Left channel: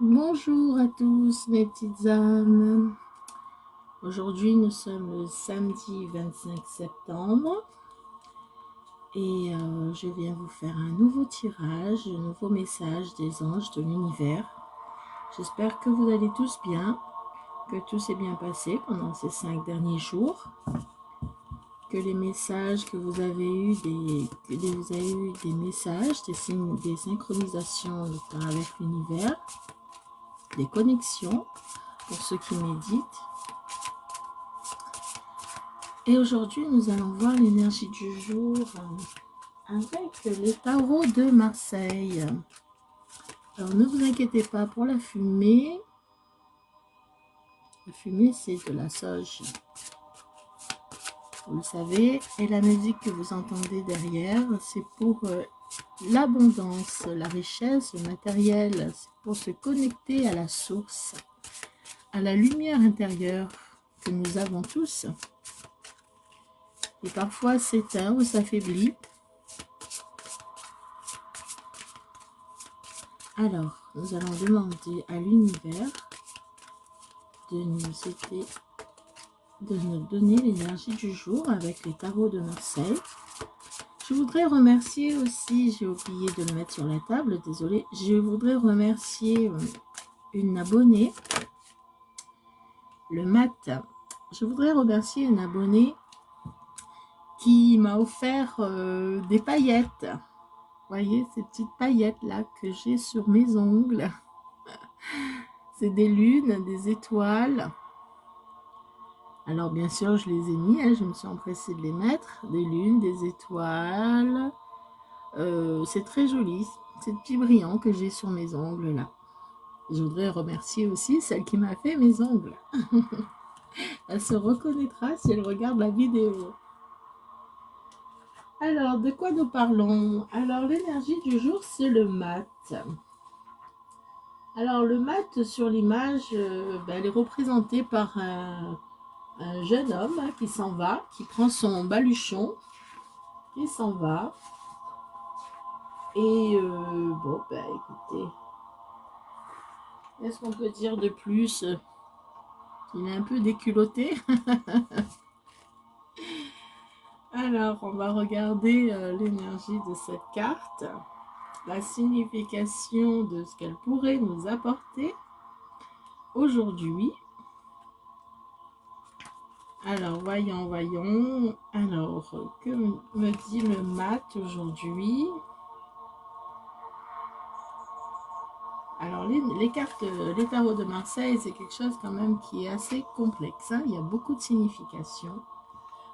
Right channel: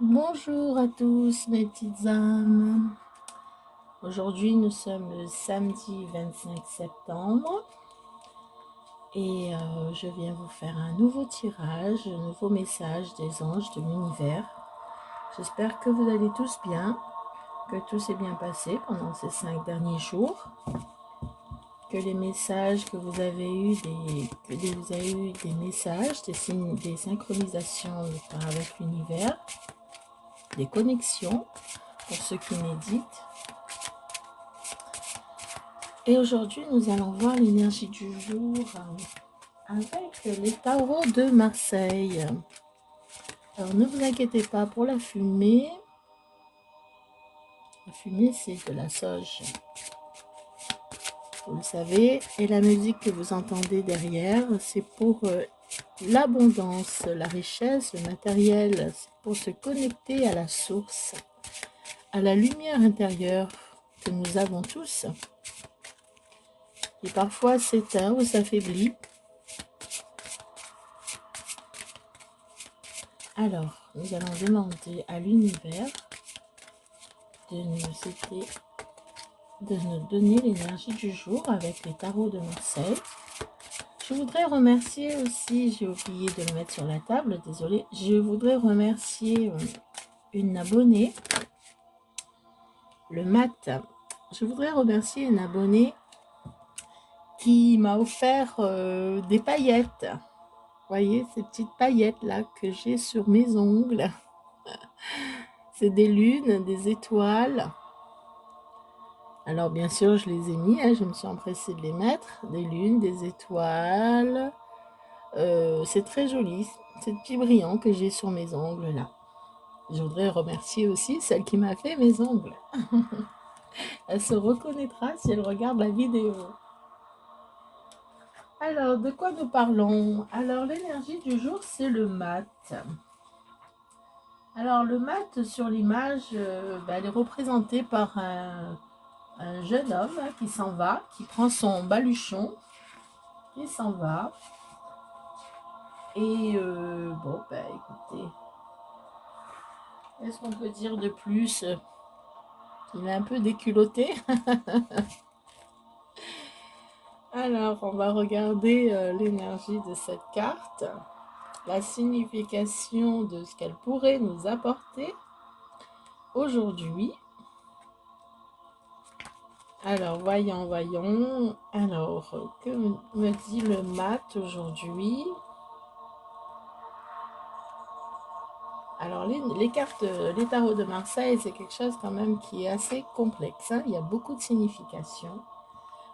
Bonjour à tous mes petites âmes. Aujourd'hui nous sommes le samedi 25 septembre et je viens vous faire un nouveau tirage, un nouveau message des anges de l'univers. J'espère que vous allez tous bien, que tout s'est bien passé pendant ces 5 derniers jours, que les messages que vous avez eus, des messages, des signes, des synchronisations avec l'univers, des connexions pour ceux qui méditent. Et aujourd'hui, nous allons voir l'énergie du jour avec les tarots de Marseille. Alors, ne vous inquiétez pas pour la fumée. La fumée, c'est de la sauge. Vous le savez. Et la musique que vous entendez derrière, c'est pour l'abondance, la richesse, le matériel. C'est pour se connecter à la source, à la lumière intérieure que nous avons tous. Et parfois s'éteint ou s'affaiblit. Alors, nous allons demander à l'univers de nous donner l'énergie du jour avec les tarots de Marseille. Je voudrais remercier aussi, j'ai oublié de le mettre sur la table, désolé. Je voudrais remercier une abonnée, le Mat. Je voudrais remercier une abonnée qui m'a offert des paillettes. Vous voyez ces petites paillettes là que j'ai sur mes ongles. C'est des lunes, des étoiles. Alors bien sûr, je les ai mis, hein, je me suis empressée de les mettre. Des lunes, des étoiles. C'est très joli, ces petits brillants que j'ai sur mes ongles là. Je voudrais remercier aussi celle qui m'a fait mes ongles. Elle se reconnaîtra si elle regarde la vidéo. Alors, de quoi nous parlons? Alors, l'énergie du jour, c'est le mat. Alors, le mat sur l'image, elle est représentée par un jeune homme hein, qui s'en va, qui prend son baluchon, qui s'en va. Et bon, écoutez, qu'est-ce qu'on peut dire de plus? Il est un peu déculotté. Alors, on va regarder l'énergie de cette carte, la signification de ce qu'elle pourrait nous apporter aujourd'hui. Alors, voyons. Alors, que me dit le mat aujourd'hui? Alors, les cartes, les tarots de Marseille, c'est quelque chose quand même qui est assez complexe. Hein. Il y a beaucoup de significations.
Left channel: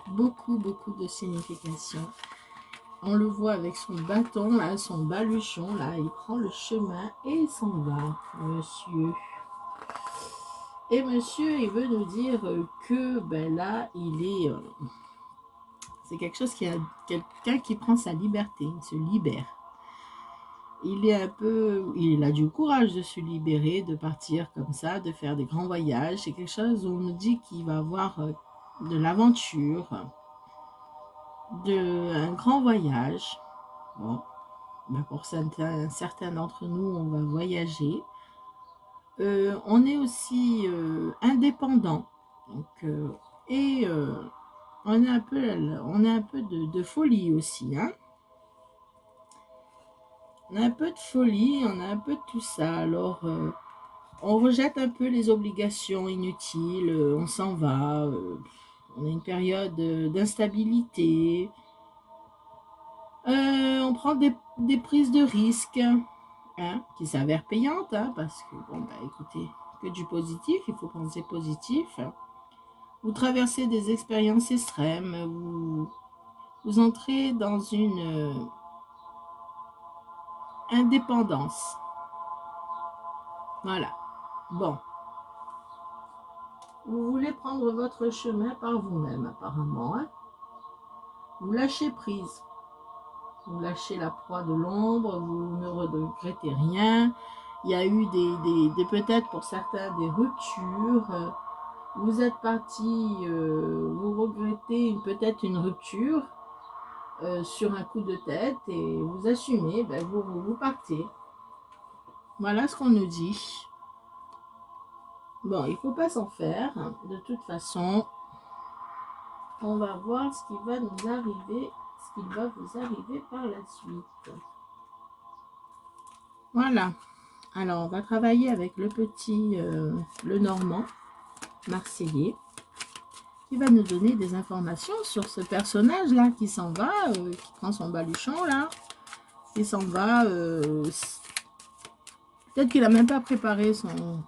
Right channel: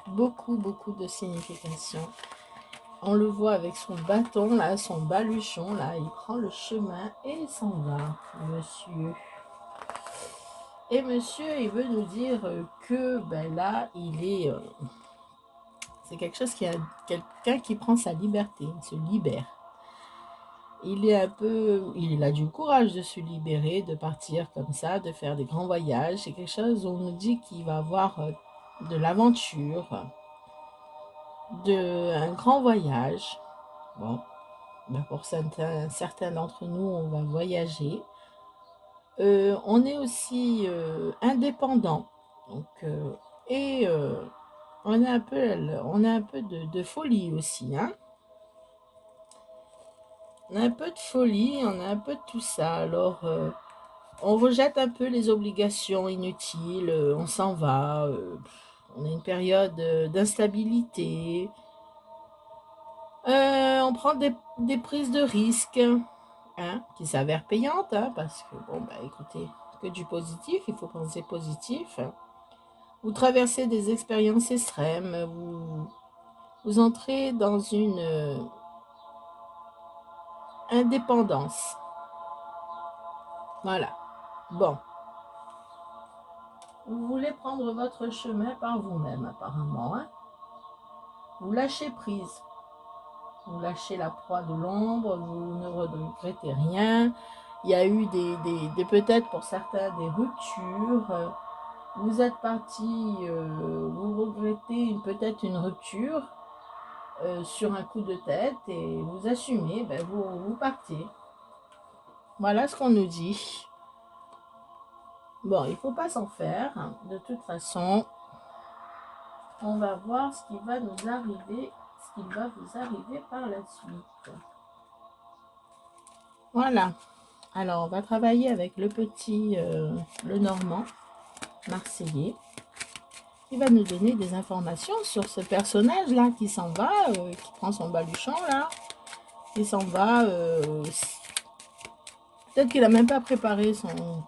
Beaucoup de significations. On le voit avec son bâton, là, son baluchon, là. Il prend le chemin et il s'en va, monsieur. Et monsieur, il veut nous dire que, là, il est... c'est quelque chose qui a... Quelqu'un qui prend sa liberté, il se libère. Il a du courage de se libérer, de partir comme ça, de faire des grands voyages. C'est quelque chose où on nous dit qu'il va avoir de l'aventure, un grand voyage. Bon, pour certains d'entre nous, on va voyager. On est aussi indépendant. Donc, on a un peu de folie aussi, hein. On a un peu de folie, on a un peu de tout ça. Alors, on rejette un peu les obligations inutiles, on s'en va. On a une période d'instabilité. On prend des prises de risques hein, qui s'avèrent payantes, hein, parce que, bon, écoutez, que du positif, il faut penser positif. Vous traversez des expériences extrêmes, vous entrez dans une indépendance. Voilà. Bon. Vous voulez prendre votre chemin par vous-même, apparemment. Hein. Vous lâchez prise. Vous lâchez la proie de l'ombre, vous ne regrettez rien. Il y a eu peut-être pour certains des ruptures. Vous êtes parti, vous regrettez peut-être une rupture sur un coup de tête et vous assumez, vous partez. Voilà ce qu'on nous dit. Bon, il ne faut pas s'en faire. De toute façon, on va voir ce qui va nous arriver, ce qui va vous arriver par la suite. Voilà. Alors, on va travailler avec le petit, le normand marseillais, qui va nous donner des informations sur ce personnage-là qui s'en va, qui prend son baluchon, là, qui s'en va. Peut-être qu'il n'a même pas préparé son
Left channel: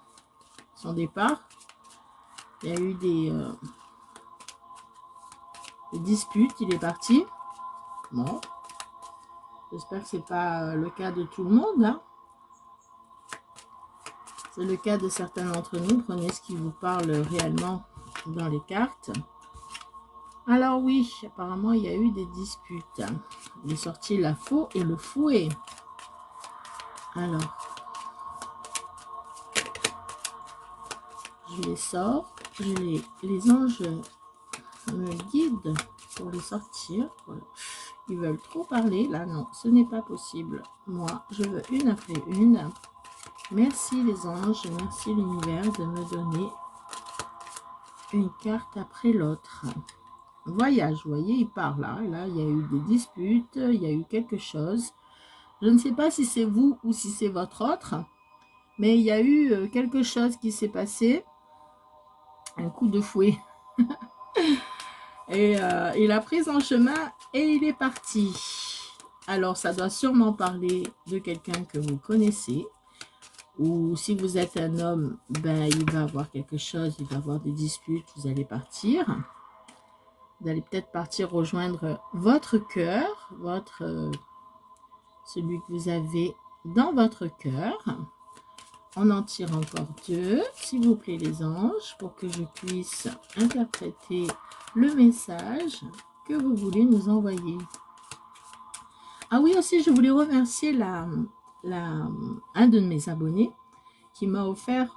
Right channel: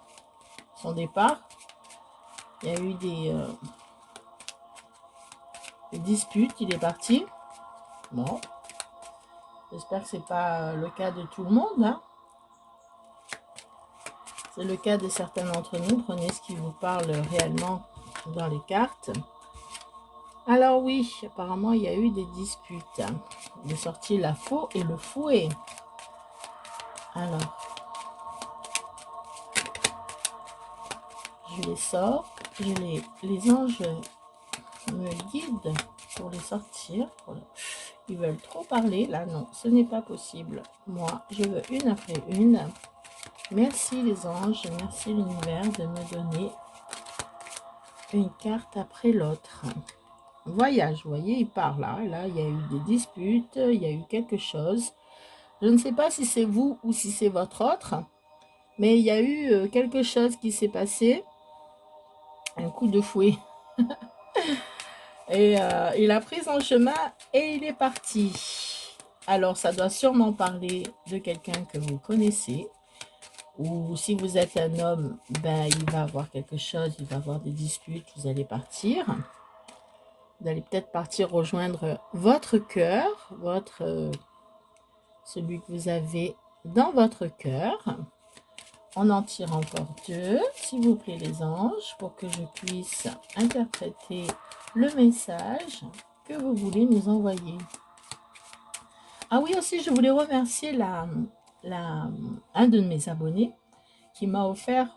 départ. Il y a eu des disputes, il est parti. Bon. J'espère que ce n'est pas le cas de tout le monde, hein. C'est le cas de certains d'entre nous. Prenez ce qui vous parle réellement dans les cartes. Alors oui, apparemment, il y a eu des disputes. Il est sorti la faux et le fouet. Alors, je les sors. Les anges me guident pour les sortir. Ils veulent trop parler. Là, non, ce n'est pas possible. Moi, je veux une après une. Merci les anges, merci l'univers de me donner une carte après l'autre. Voyage, vous voyez, il part là. Là, il y a eu des disputes, il y a eu quelque chose. Je ne sais pas si c'est vous ou si c'est votre autre, mais il y a eu quelque chose qui s'est passé. Un coup de fouet. Et il a pris son chemin et il est parti. Alors, ça doit sûrement parler de quelqu'un que vous connaissez. Ou si vous êtes un homme, ben, il va avoir quelque chose, il va avoir des disputes, vous allez partir. Vous allez peut-être partir rejoindre votre cœur, celui que vous avez dans votre cœur. On en tire encore deux, s'il vous plaît les anges, pour que je puisse interpréter le message que vous voulez nous envoyer. Ah oui, aussi, je voulais remercier un de mes abonnés qui m'a offert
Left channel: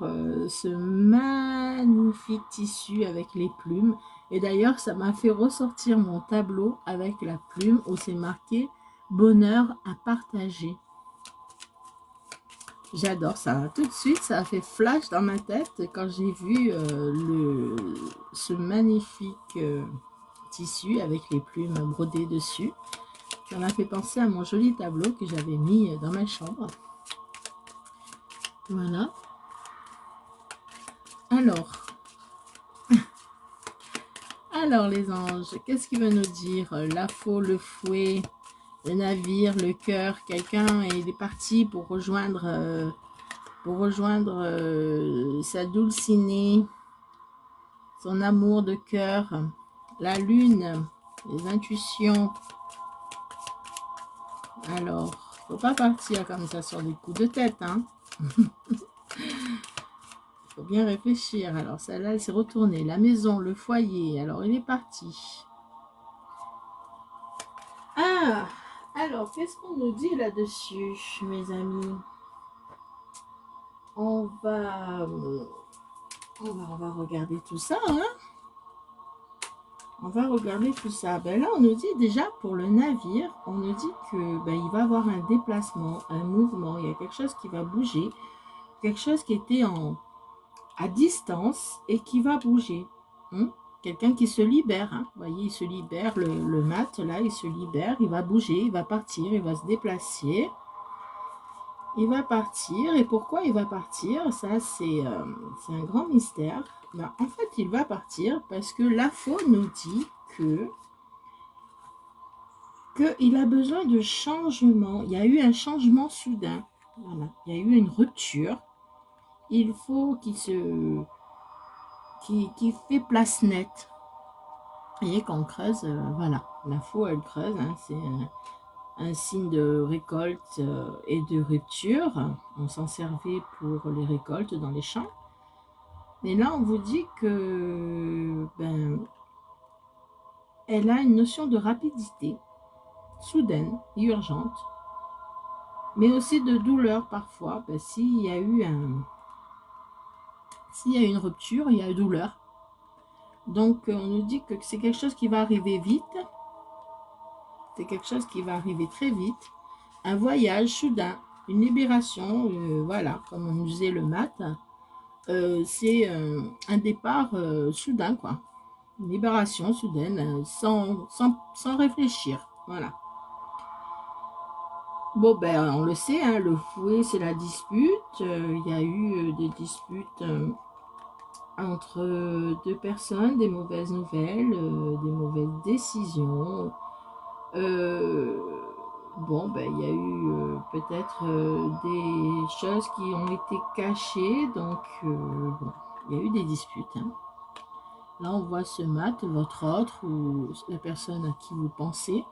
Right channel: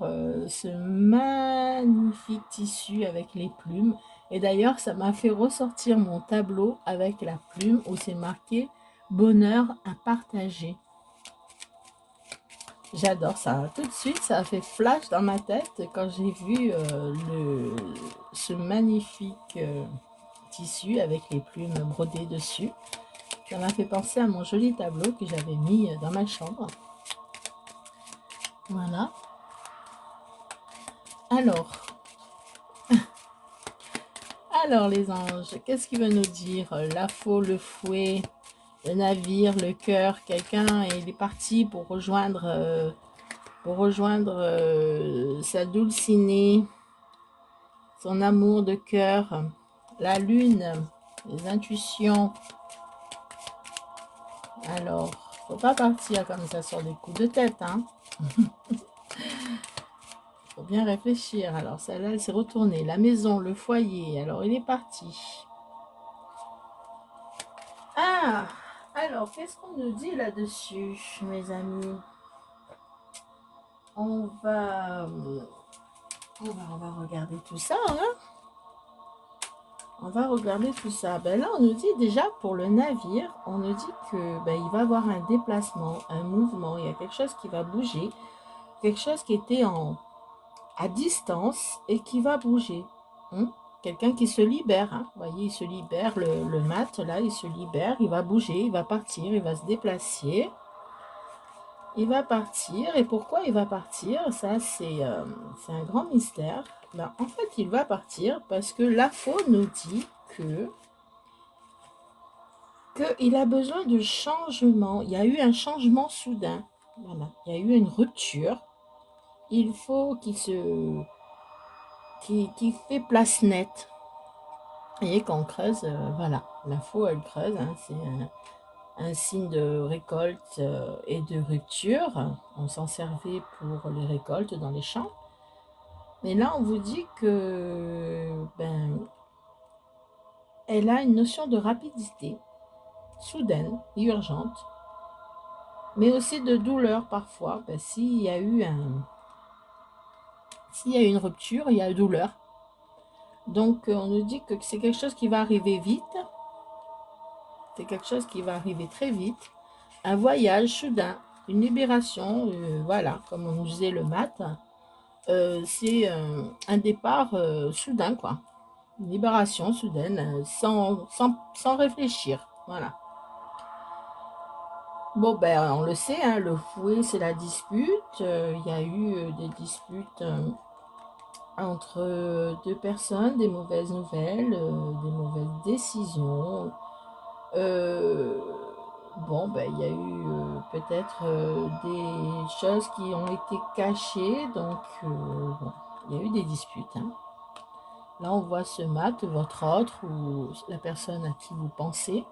ce magnifique tissu avec les plumes. Et d'ailleurs, ça m'a fait ressortir mon tableau avec la plume où c'est marqué « Bonheur à partager ». J'adore ça. Tout de suite, ça a fait flash dans ma tête quand j'ai vu ce magnifique tissu avec les plumes brodées dessus. Ça m'a fait penser à mon joli tableau que j'avais mis dans ma chambre. Voilà. Alors les anges, qu'est-ce qu'il va nous dire? La faux, le fouet, le navire, le cœur. Quelqu'un il est parti pour rejoindre sa dulcinée, son amour de cœur, la lune, les intuitions. Alors, faut pas partir comme ça sur des coups de tête, hein. Faut bien réfléchir. Alors, celle-là, elle s'est retournée. La maison, le foyer. Alors, il est parti. Ah, alors, qu'est-ce qu'on nous dit là-dessus, mes amis? On va regarder tout ça, hein. On va regarder tout ça. Ben là, on nous dit déjà pour le navire, on nous dit que ben, il va y avoir un déplacement, un mouvement. Il y a quelque chose qui va bouger, quelque chose qui était à distance et qui va bouger. Quelqu'un qui se libère. Hein. Vous voyez, il se libère, le mat, là, il se libère, il va bouger, il va partir, il va se déplacer. Il va partir. Et pourquoi il va partir? Ça, c'est un grand mystère. Ben, en fait, il va partir parce que la faux nous dit qu'il a besoin de changement. Il y a eu un changement soudain. Voilà. Il y a eu une rupture. Il faut qu'il fait place nette. Et qu'on creuse, voilà. La faux, elle creuse. Hein, c'est un signe de récolte et de rupture. On s'en servait pour les récoltes dans les champs. Mais là, on vous dit que elle a une notion de rapidité, soudaine, urgente, mais aussi de douleur parfois. S'il y a eu une rupture, il y a une douleur. Donc, on nous dit que c'est quelque chose qui va arriver vite. C'est quelque chose qui va arriver très vite. Un voyage soudain, une libération, voilà, comme on disait le mat. c'est un départ soudain, quoi. Une libération soudaine, sans réfléchir. Voilà. Bon, ben, on le sait, hein, le fouet, c'est la dispute. Il y a eu des disputes entre deux personnes, des mauvaises nouvelles, des mauvaises décisions. Euh, bon, ben, il y a eu peut-être des choses qui ont été cachées, donc bon, il y a eu des disputes, hein. Là, on voit ce mat, votre autre, ou la personne à qui vous pensez,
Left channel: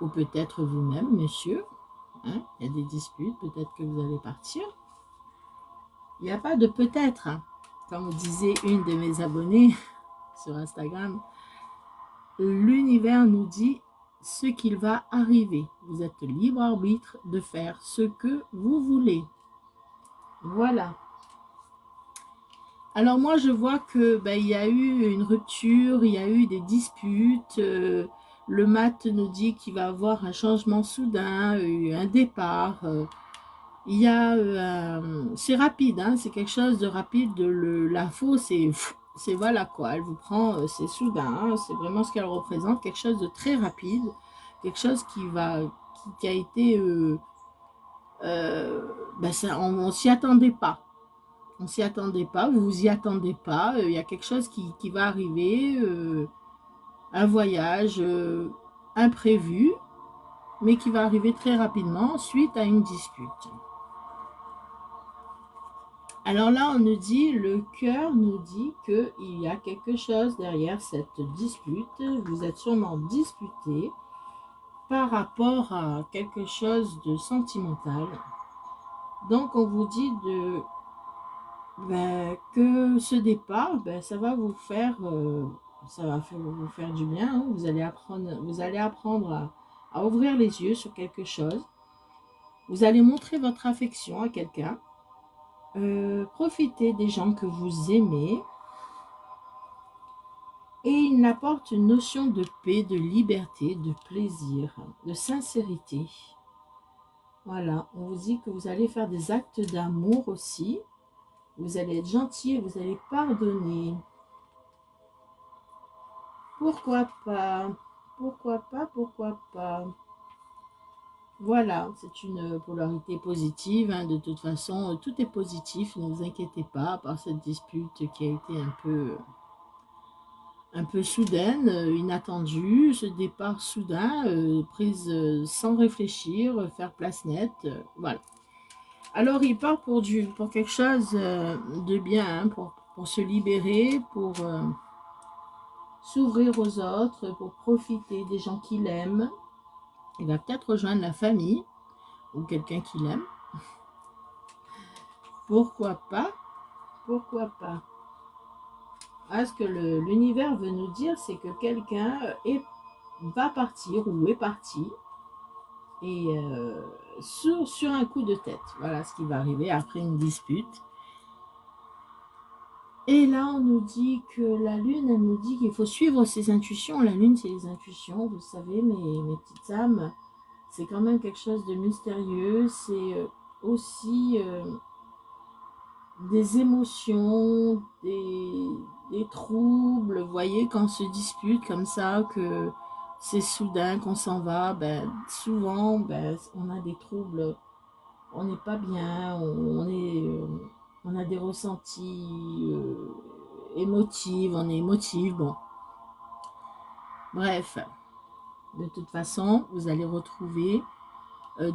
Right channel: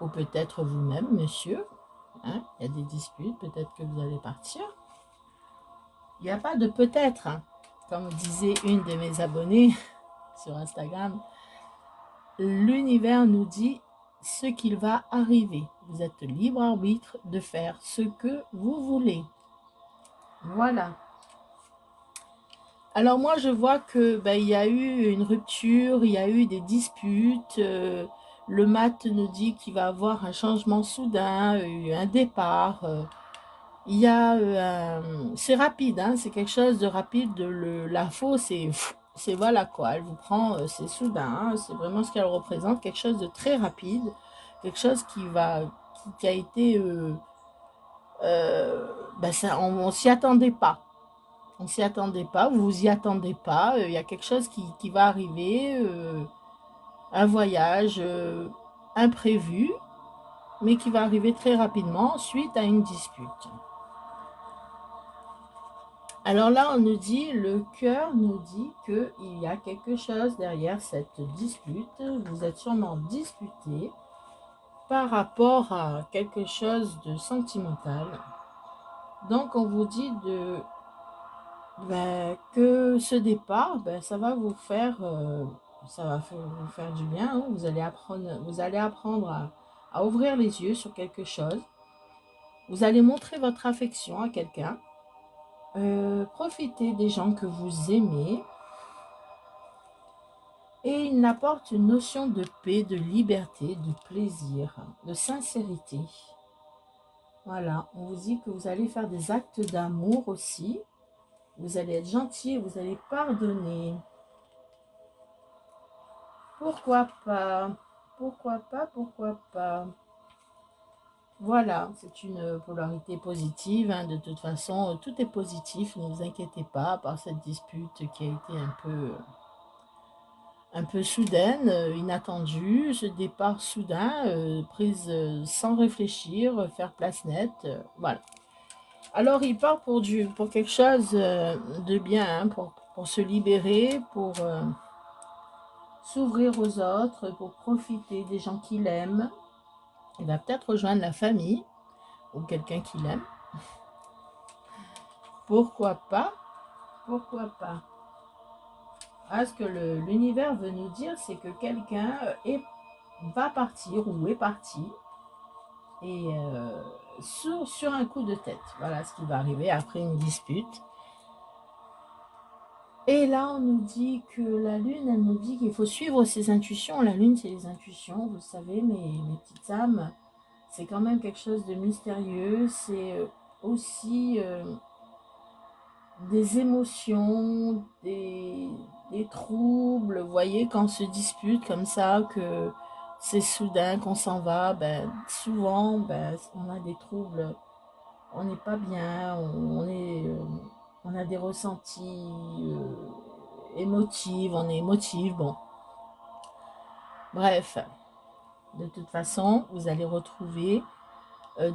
ou peut-être vous-même, monsieur. Hein, il y a des disputes, peut-être que vous allez partir. Il n'y a pas de peut-être, hein. Comme disait une de mes abonnées sur Instagram, l'univers nous dit ce qu'il va arriver. Vous êtes libre arbitre de faire ce que vous voulez. Voilà. Alors moi, je vois que ben, il y a eu une rupture, il y a eu des disputes. Le mat nous dit qu'il va y avoir un changement soudain, un départ. Il y a, c'est rapide, hein, c'est quelque chose de rapide. L'info, c'est voilà quoi, elle vous prend, c'est soudain, hein, c'est vraiment ce qu'elle représente, quelque chose de très rapide, quelque chose qui a été, ben ça, on s'y attendait pas. On s'y attendait pas, vous vous y attendez pas. Il y a quelque chose qui va arriver, un voyage imprévu, mais qui va arriver très rapidement suite à une dispute. Alors là, on nous dit, le cœur nous dit qu'il y a quelque chose derrière cette dispute. Vous êtes sûrement disputé par rapport à quelque chose de sentimental. Donc, on vous dit que ce départ, ça va vous faire, vous faire du bien, hein. Vous allez apprendre à ouvrir les yeux sur quelque chose. Vous allez montrer votre affection à quelqu'un. Profitez des gens que vous aimez. Et il apporte une notion de paix, de liberté, de plaisir, de sincérité. Voilà, on vous dit que vous allez faire des actes d'amour aussi. Vous allez être gentil et vous allez pardonner. Pourquoi pas? Pourquoi pas? Pourquoi pas? Voilà, c'est une polarité positive, hein. De toute façon, tout est positif, ne vous inquiétez pas, à part cette dispute qui a été un peu soudaine, inattendue, ce départ soudain, prise sans réfléchir, faire place nette, voilà. Alors il part pour quelque chose de bien, hein, pour se libérer, pour s'ouvrir aux autres, pour profiter des gens qu'il aime. Il va peut-être rejoindre la famille ou quelqu'un qu'il aime. Pourquoi pas? Pourquoi pas? Ah, ce que l'univers veut nous dire, c'est que quelqu'un va partir ou est parti et sur un coup de tête. Voilà ce qui va arriver après une dispute. Et là, on nous dit que la lune, elle nous dit qu'il faut suivre ses intuitions. La lune, c'est les intuitions, vous savez, mes petites âmes. C'est quand même quelque chose de mystérieux. C'est aussi des émotions, des troubles. Vous voyez, quand on se dispute comme ça, que c'est soudain qu'on s'en va, souvent, on a des troubles, on n'est pas bien, on a des ressentis émotifs, on est émotif, bon. Bref, de toute façon, vous allez retrouver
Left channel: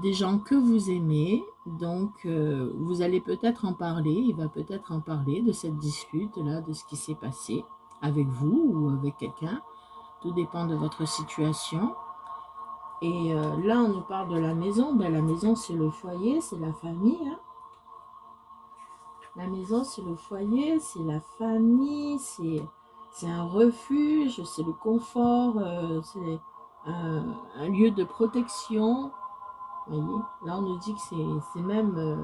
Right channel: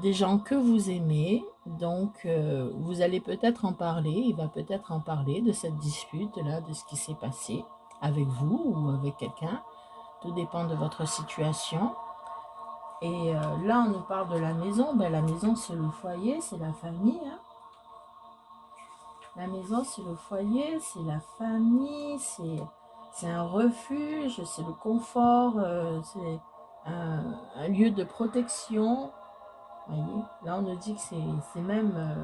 des gens que vous aimez, donc vous allez peut-être en parler, il va peut-être en parler de cette dispute-là, de ce qui s'est passé avec vous ou avec quelqu'un, tout dépend de votre situation. Et là, on nous parle de la maison. La maison, c'est le foyer, c'est la famille, hein. La maison, c'est le foyer, c'est la famille, c'est un refuge, c'est le confort, c'est un lieu de protection. Vous voyez, là, on nous dit que c'est même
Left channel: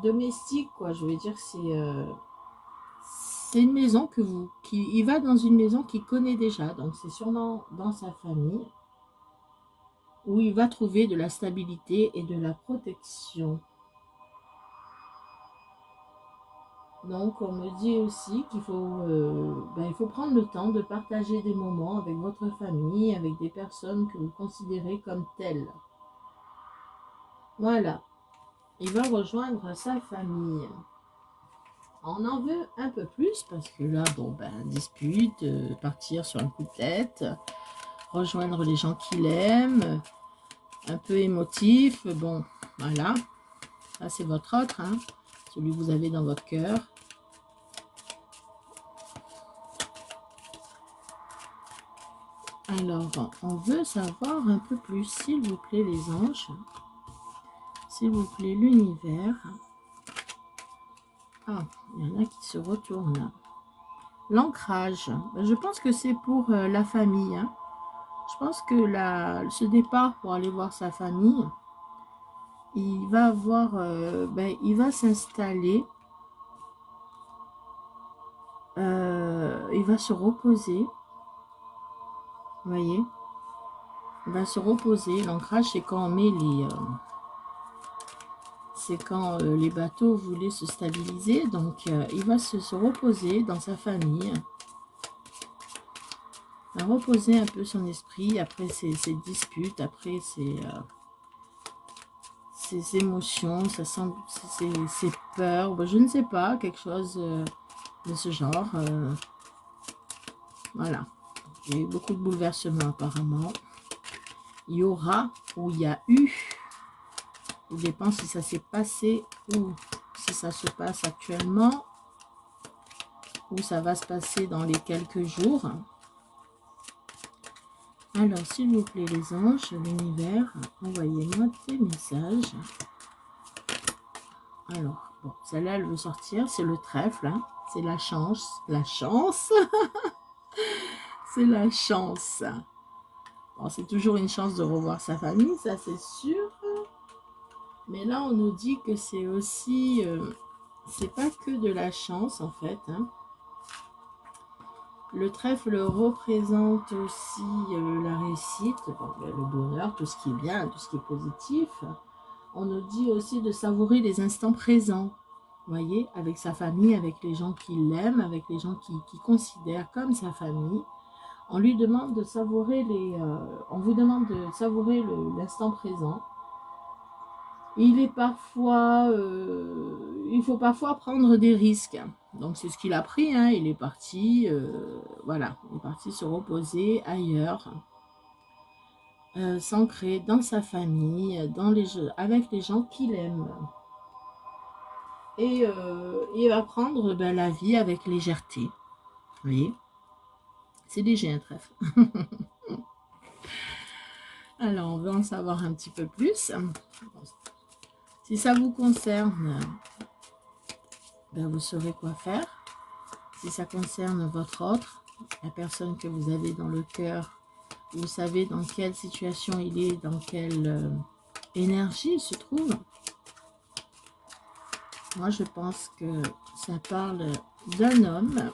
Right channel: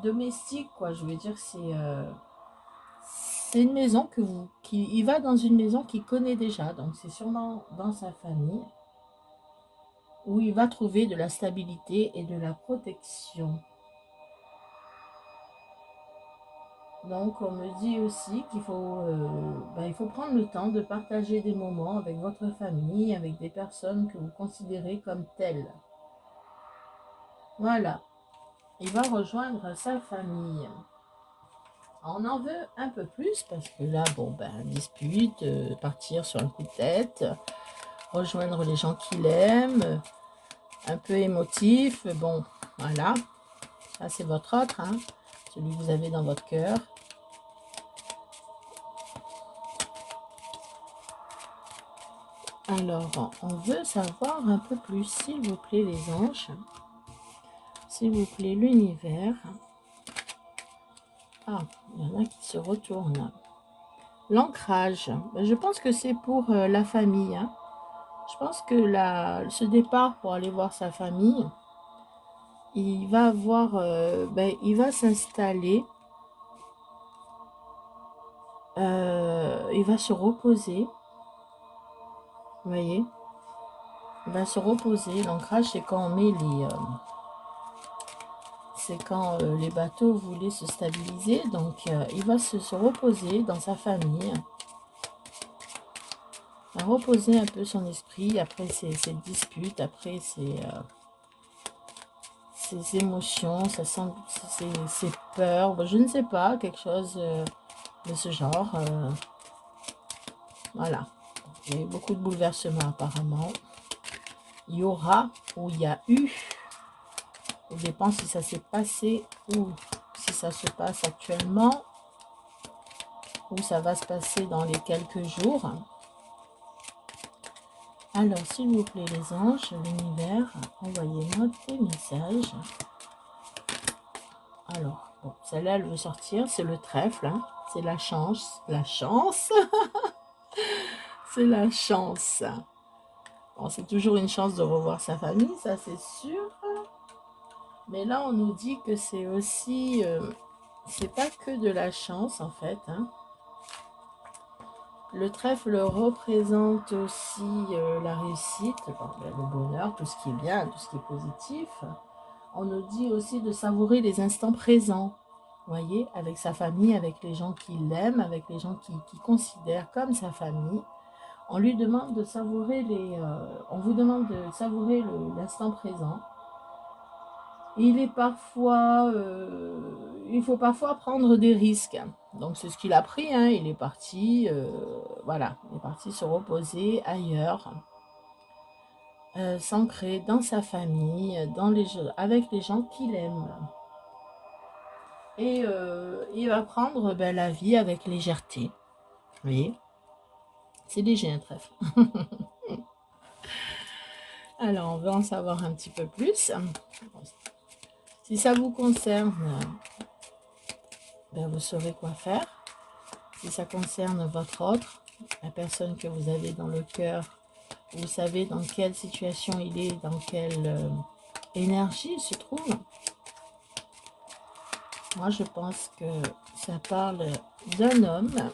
domestique, quoi. Je veux dire, c'est une maison il va dans une maison qu'il connaît déjà, donc c'est sûrement dans sa famille, où il va trouver de la stabilité et de la protection. Donc, on me dit aussi qu'il faut, il faut prendre le temps de partager des moments avec votre famille, avec des personnes que vous considérez comme telles. Voilà, il va rejoindre sa famille. On en veut un peu plus parce que là, bon, dispute, partir sur un coup de tête, rejoindre les gens qu'il aime, un peu émotif, bon, voilà. Ça, c'est votre autre, hein, celui que vous avez dans votre cœur. Alors, on veut savoir un peu plus, s'il vous plaît, les anges. S'il vous plaît, l'univers. Ah, il y en a qui se retournent. L'ancrage, je pense que c'est pour la famille. Hein. Je pense que ce départ pour aller voir sa famille, il va avoir, il va s'installer, il va se reposer. Vous voyez, il va se reposer. L'ancrage, c'est quand on met les... c'est quand les bateaux voulaient se stabiliser. Donc, il va se reposer dans sa famille. À reposer un peu son esprit après ses disputes, après ses émotions, ses peurs. Je ne sais pas, quelque chose de ce genre. Voilà. Il y a eu beaucoup de bouleversements apparemment. Il y aura, ou il y a eu, ça dépend si ça s'est passé ou si ça se passe actuellement, ou ça va se passer dans les quelques jours. Alors, s'il vous plaît, les anges, l'univers, envoyez-moi des messages. Alors, bon, celle-là, elle veut sortir, c'est le trèfle, hein, c'est la chance, c'est la chance. Bon, c'est toujours une chance de revoir sa famille, ça c'est sûr. Mais là, on nous dit que c'est aussi, c'est pas que de la chance en fait, hein. Le trèfle représente aussi la réussite, le bonheur, tout ce qui est bien, tout ce qui est positif. On nous dit aussi de savourer les instants présents, voyez, avec sa famille, avec les gens qui l'aiment, avec les gens qui considèrent comme sa famille. On lui demande de savourer on vous demande de savourer l'instant présent. Il est parfois, il faut parfois prendre des risques. Donc c'est ce qu'il a pris, hein. Il est parti, voilà, il est parti se reposer ailleurs, s'ancrer dans sa famille, avec les gens qu'il aime. Et il va prendre la vie avec légèreté. Vous voyez, c'est léger un trèfle. Alors on va en savoir un petit peu plus. Si ça vous concerne, vous saurez quoi faire. Si ça concerne votre autre, la personne que vous avez dans le cœur, vous savez dans quelle situation il est, dans quelle énergie il se trouve. Moi, je pense que ça parle d'un homme,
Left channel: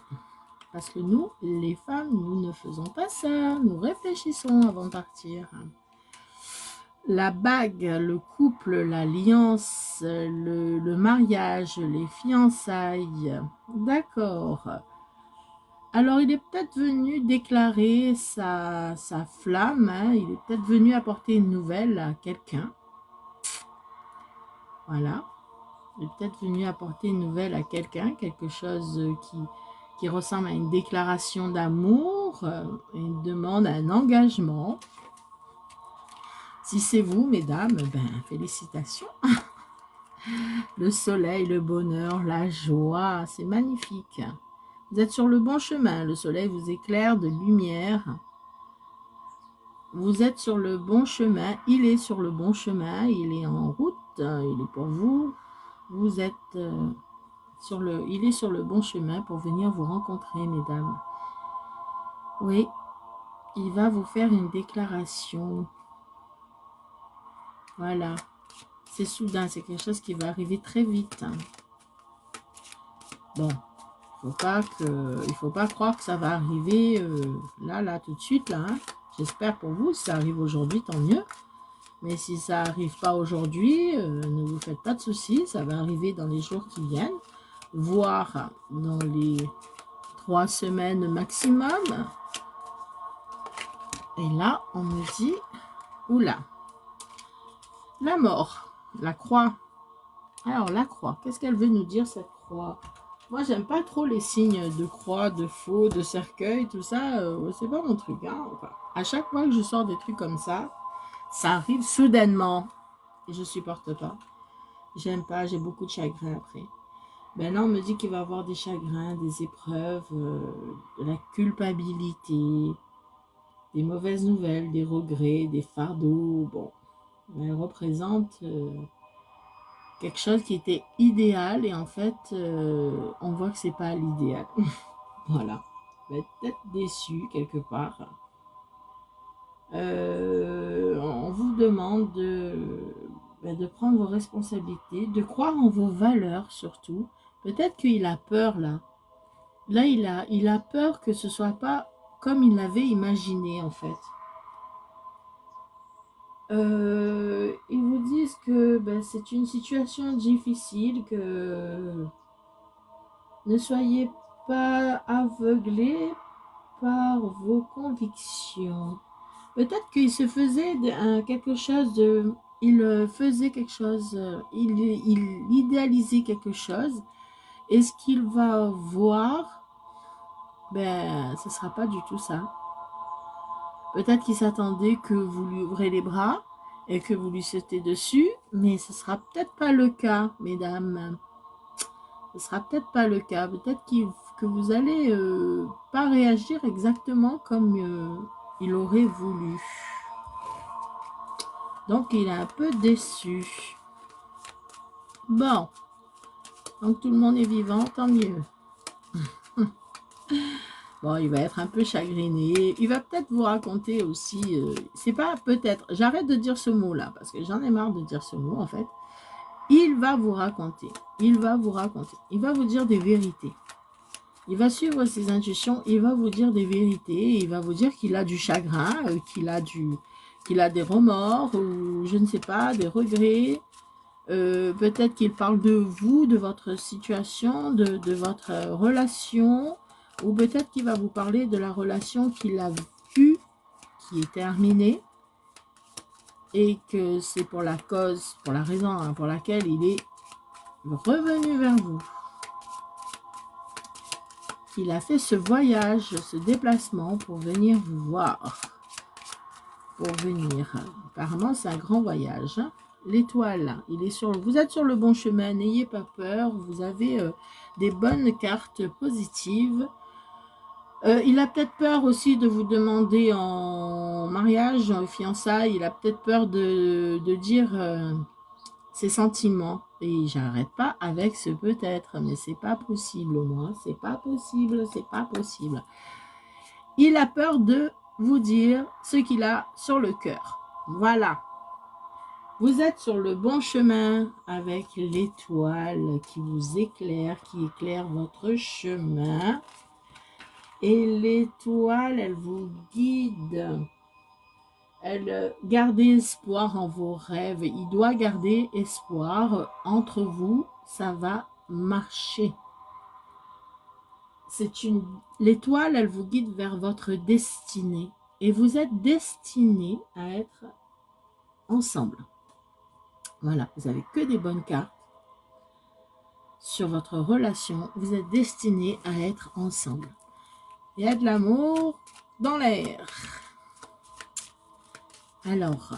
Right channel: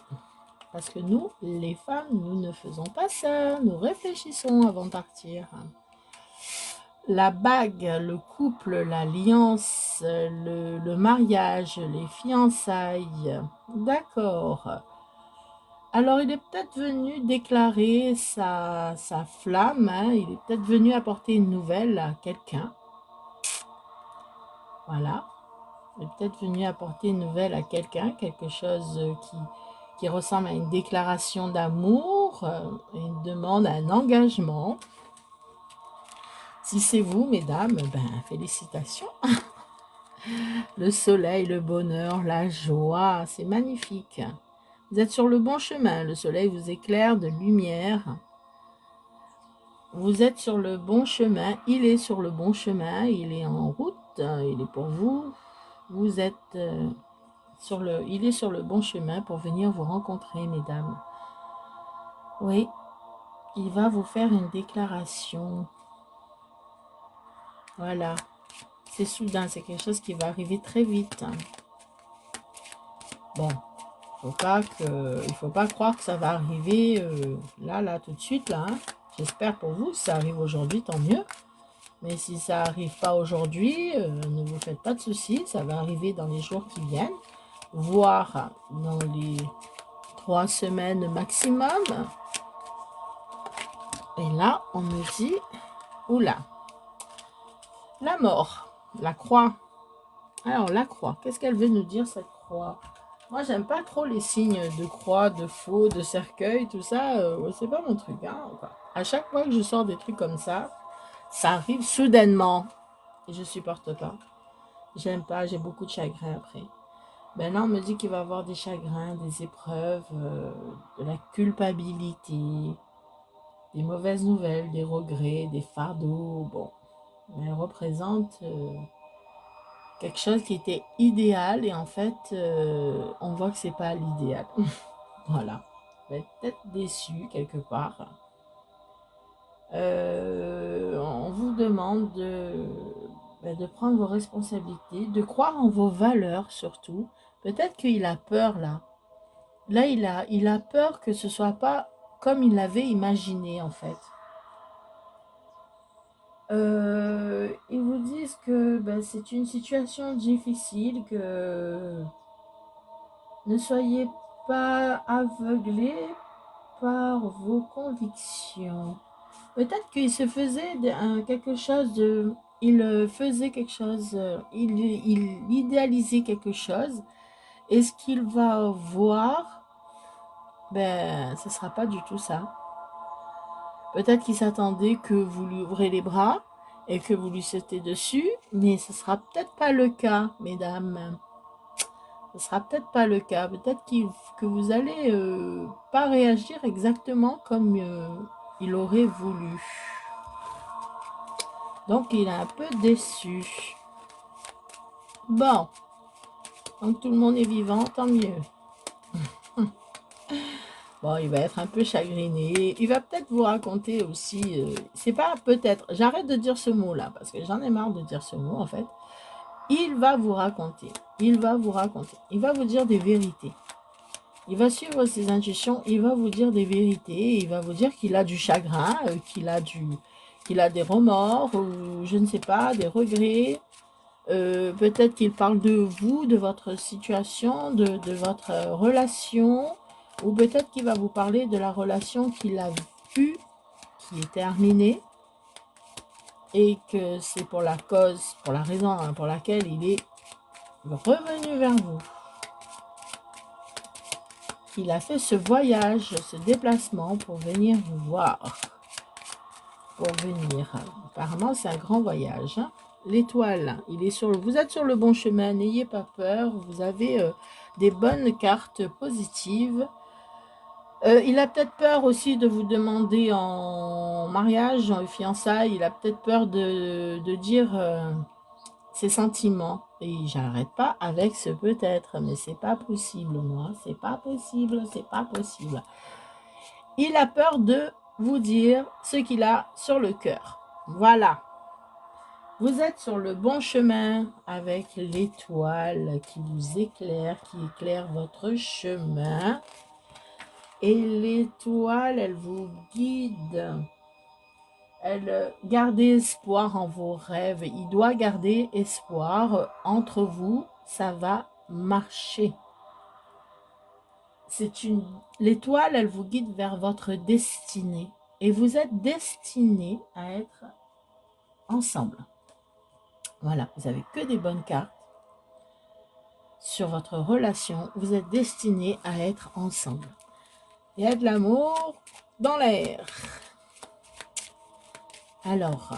parce que nous, les femmes, nous ne faisons pas ça. Nous réfléchissons avant de partir. La bague, le couple, l'alliance, le mariage, les fiançailles. D'accord. Alors, il est peut-être venu déclarer sa flamme. Hein, il est peut-être venu apporter une nouvelle à quelqu'un. Voilà. Il est peut-être venu apporter une nouvelle à quelqu'un. Quelque chose qui ressemble à une déclaration d'amour, une demande, un engagement. Si c'est vous, mesdames, félicitations. Le soleil, le bonheur, la joie, c'est magnifique. Vous êtes sur le bon chemin. Le soleil vous éclaire de lumière. Vous êtes sur le bon chemin. Il est sur le bon chemin. Il est en route. Il est pour vous. Vous êtes il est sur le bon chemin pour venir vous rencontrer, mesdames. Oui, il va vous faire une déclaration. Voilà. C'est soudain, c'est quelque chose qui va arriver très vite. Bon, il ne faut pas croire que ça va arriver là, tout de suite, là. Hein. J'espère pour vous, si ça arrive aujourd'hui, tant mieux. Mais si ça n'arrive pas aujourd'hui, ne vous faites pas de soucis, ça va arriver dans les jours qui viennent. voir dans les 3 semaines maximum. Et là, on me dit, oula, la mort, la croix. Alors, la croix, qu'est-ce qu'elle veut nous dire, cette croix? Moi, j'aime pas trop les signes de croix, de faux, de cercueil, tout ça. C'est pas mon truc. Hein. À chaque fois que je sors des trucs comme ça arrive soudainement. Et je supporte pas. J'aime pas, j'ai beaucoup de chagrin après. Ben là, on me dit qu'il va y avoir des chagrins, des épreuves, de la culpabilité, des mauvaises nouvelles, des regrets, des fardeaux. Bon, elle représente quelque chose qui était idéal et en fait, on voit que c'est pas l'idéal. Voilà. On va être peut-être déçu quelque part. On vous demande de prendre vos responsabilités, de croire en vos valeurs surtout. Peut-être qu'il a peur là. Là, il a peur que ce soit pas comme il l'avait imaginé en fait. Ils vous disent que c'est une situation difficile, que ne soyez pas aveuglés par vos convictions. Peut-être qu'il se faisait quelque chose de... Il faisait quelque chose, il idéalisait quelque chose. Et ce qu'il va voir, ce ne sera pas du tout ça. Peut-être qu'il s'attendait que vous lui ouvrez les bras et que vous lui sautez dessus, mais ce ne sera peut-être pas le cas, mesdames. Ce ne sera peut-être pas le cas. Peut-être que vous allez pas réagir exactement comme il aurait voulu. Donc, il est un peu déçu. Bon. Donc, tout le monde est vivant, tant mieux. Bon, il va être un peu chagriné. Il va peut-être vous raconter aussi... c'est pas peut-être... J'arrête de dire ce mot-là, parce que j'en ai marre de dire ce mot, en fait. Il va vous raconter. Il va vous raconter. Il va vous dire des vérités. Il va suivre ses intuitions. Il va vous dire des vérités. Il va vous dire qu'il a du chagrin, qu'il a des remords, ou je ne sais pas, des regrets. Peut-être qu'il parle de vous, de votre situation, de votre relation, ou peut-être qu'il va vous parler de la relation qu'il a vue, qui est terminée, et que c'est pour la cause, pour la raison pour laquelle il est revenu vers vous. Il a fait ce voyage, ce déplacement pour venir vous voir. Pour venir. Apparemment, c'est un grand voyage. L'étoile, vous êtes sur le bon chemin, n'ayez pas peur, vous avez des bonnes cartes positives. Il a peut-être peur aussi de vous demander en mariage, en fiançailles, il a peut-être peur de dire ses sentiments. Et j'arrête pas avec ce peut-être, mais c'est pas possible, moi, c'est pas possible, c'est pas possible. Il a peur de vous dire ce qu'il a sur le cœur. Voilà. Vous êtes sur le bon chemin avec l'étoile qui vous éclaire, qui éclaire votre chemin. Et l'étoile, elle vous guide. Elle garde espoir en vos rêves. Il doit garder espoir entre vous. Ça va marcher. L'étoile, elle vous guide vers votre destinée. Et vous êtes destinés à être ensemble. Voilà, vous n'avez que des bonnes cartes sur votre relation. Vous êtes destinés à être ensemble. Il y a de l'amour dans l'air. Alors,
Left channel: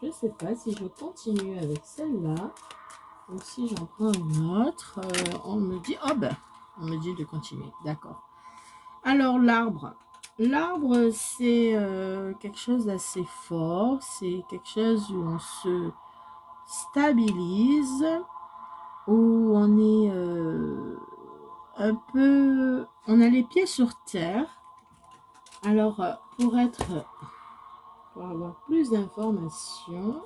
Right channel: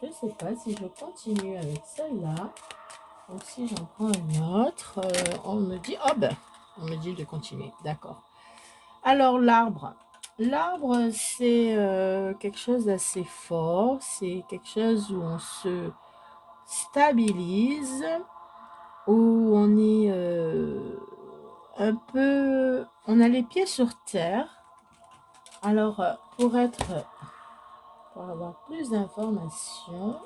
je ne sais pas si je continue avec celle-là ou si j'en prends une autre. On me dit, on me dit de continuer. D'accord. Alors, l'arbre. L'arbre, c'est quelque chose d'assez fort. C'est quelque chose où on se stabilise, où on est un peu... On a les pieds sur terre. Alors, pour avoir plus d'informations,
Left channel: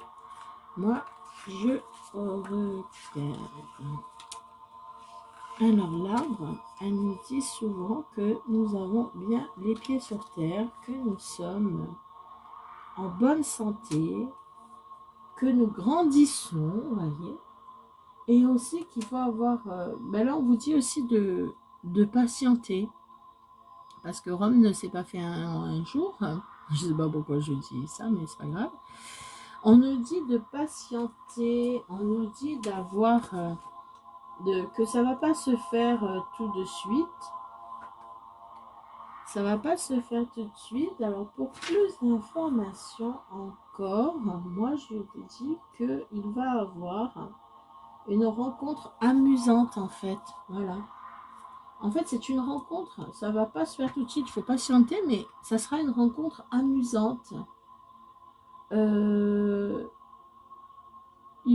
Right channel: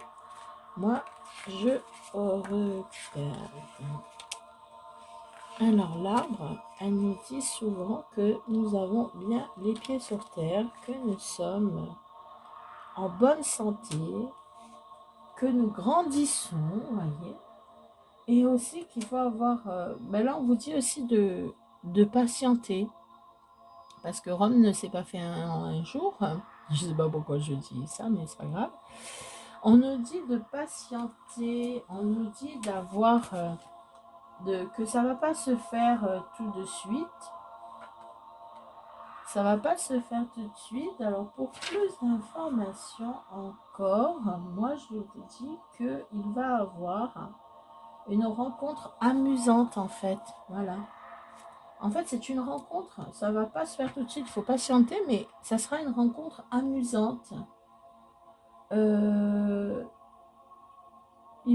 moi, je regarde. Alors, l'arbre, elle nous dit souvent que nous avons bien les pieds sur terre, que nous sommes en bonne santé, que nous grandissons, vous voyez. Et aussi qu'il faut avoir... ben là, on vous dit aussi de patienter. Parce que Rome ne s'est pas fait en un jour. Je ne sais pas pourquoi je dis ça, mais c'est pas grave. On nous dit de patienter. On nous dit d'avoir... que ça ne va pas se faire tout de suite. Ça va pas se faire tout de suite. Alors, pour plus d'informations encore, moi, je vous dis qu'il va avoir une rencontre amusante, en fait. Voilà. En fait, c'est une rencontre. Ça va pas se faire tout de suite. Il faut patienter, mais ça sera une rencontre amusante. Il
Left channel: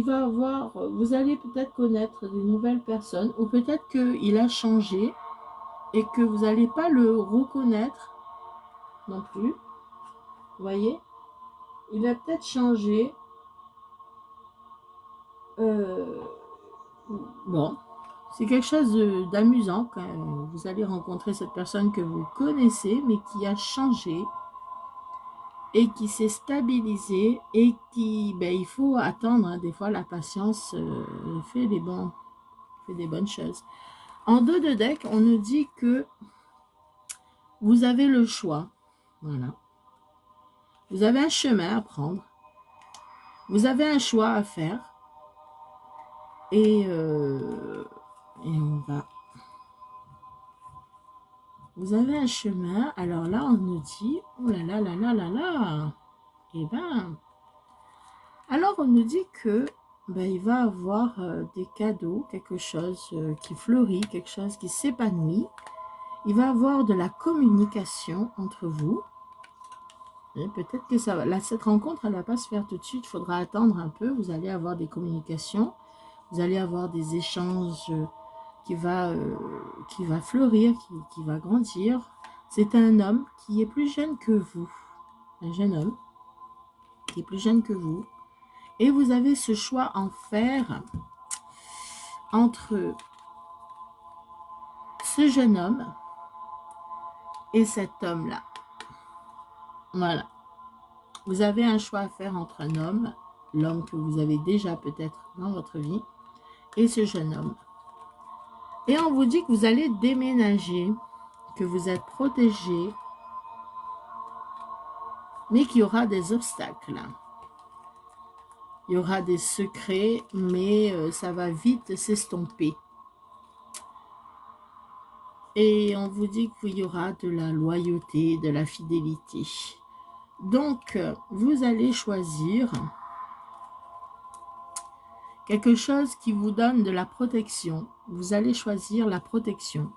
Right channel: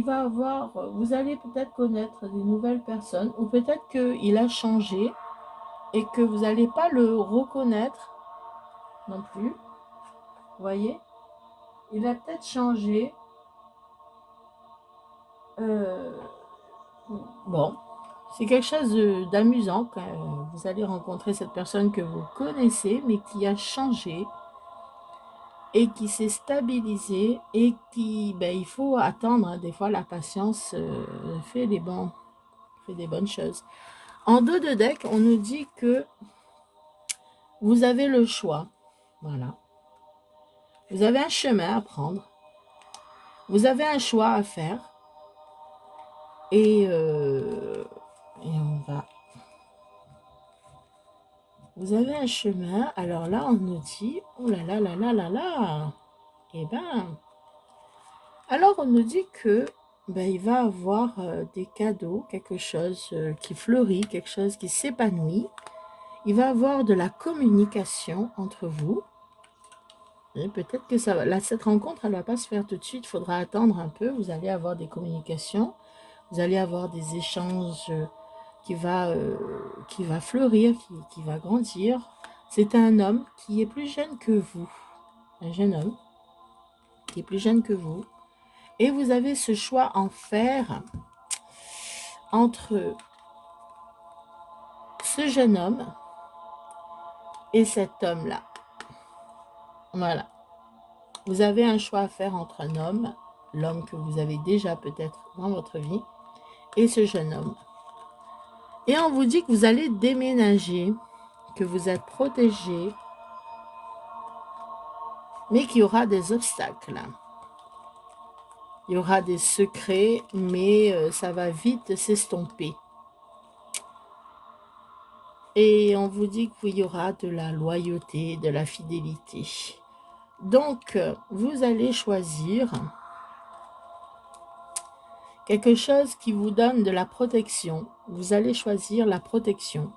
va avoir... Vous allez peut-être connaître des nouvelles personnes, ou peut-être qu'il a changé et que vous n'allez pas le reconnaître non plus. Vous voyez, il a peut-être changé. Bon, c'est quelque chose d'amusant quand vous allez rencontrer cette personne que vous connaissez, mais qui a changé et qui s'est stabilisée et qui, ben, il faut attendre. Hein. Des fois, la patience fait des bonnes choses. En dos de deck, on nous dit que vous avez le choix. Voilà. Vous avez un chemin à prendre. Vous avez un choix à faire. Et on va... Vous avez un chemin. Alors là, on nous dit... Oh là là là là là là. Eh ben... Alors, on nous dit que ben, il va avoir des cadeaux, quelque chose qui fleurit, quelque chose qui s'épanouit. Il va avoir de la communication entre vous. Peut-être que ça va... Là, cette rencontre, elle ne va pas se faire tout de suite. Il faudra attendre un peu. Vous allez avoir des communications. Vous allez avoir des échanges qui va fleurir, qui va grandir. C'est un homme qui est plus jeune que vous. Un jeune homme qui est plus jeune que vous. Et vous avez ce choix en faire entre ce jeune homme et cet homme-là. Voilà. Vous avez un choix à faire entre un homme, l'homme que vous avez déjà peut-être dans votre vie, et ce jeune homme. Et on vous dit que vous allez déménager, que vous êtes protégé, mais qu'il y aura des obstacles. Il y aura des secrets, mais ça va vite s'estomper. Et on vous dit qu'il y aura de la loyauté, de la fidélité. Donc, vous allez choisir quelque chose qui vous donne de la protection. Vous allez choisir la protection.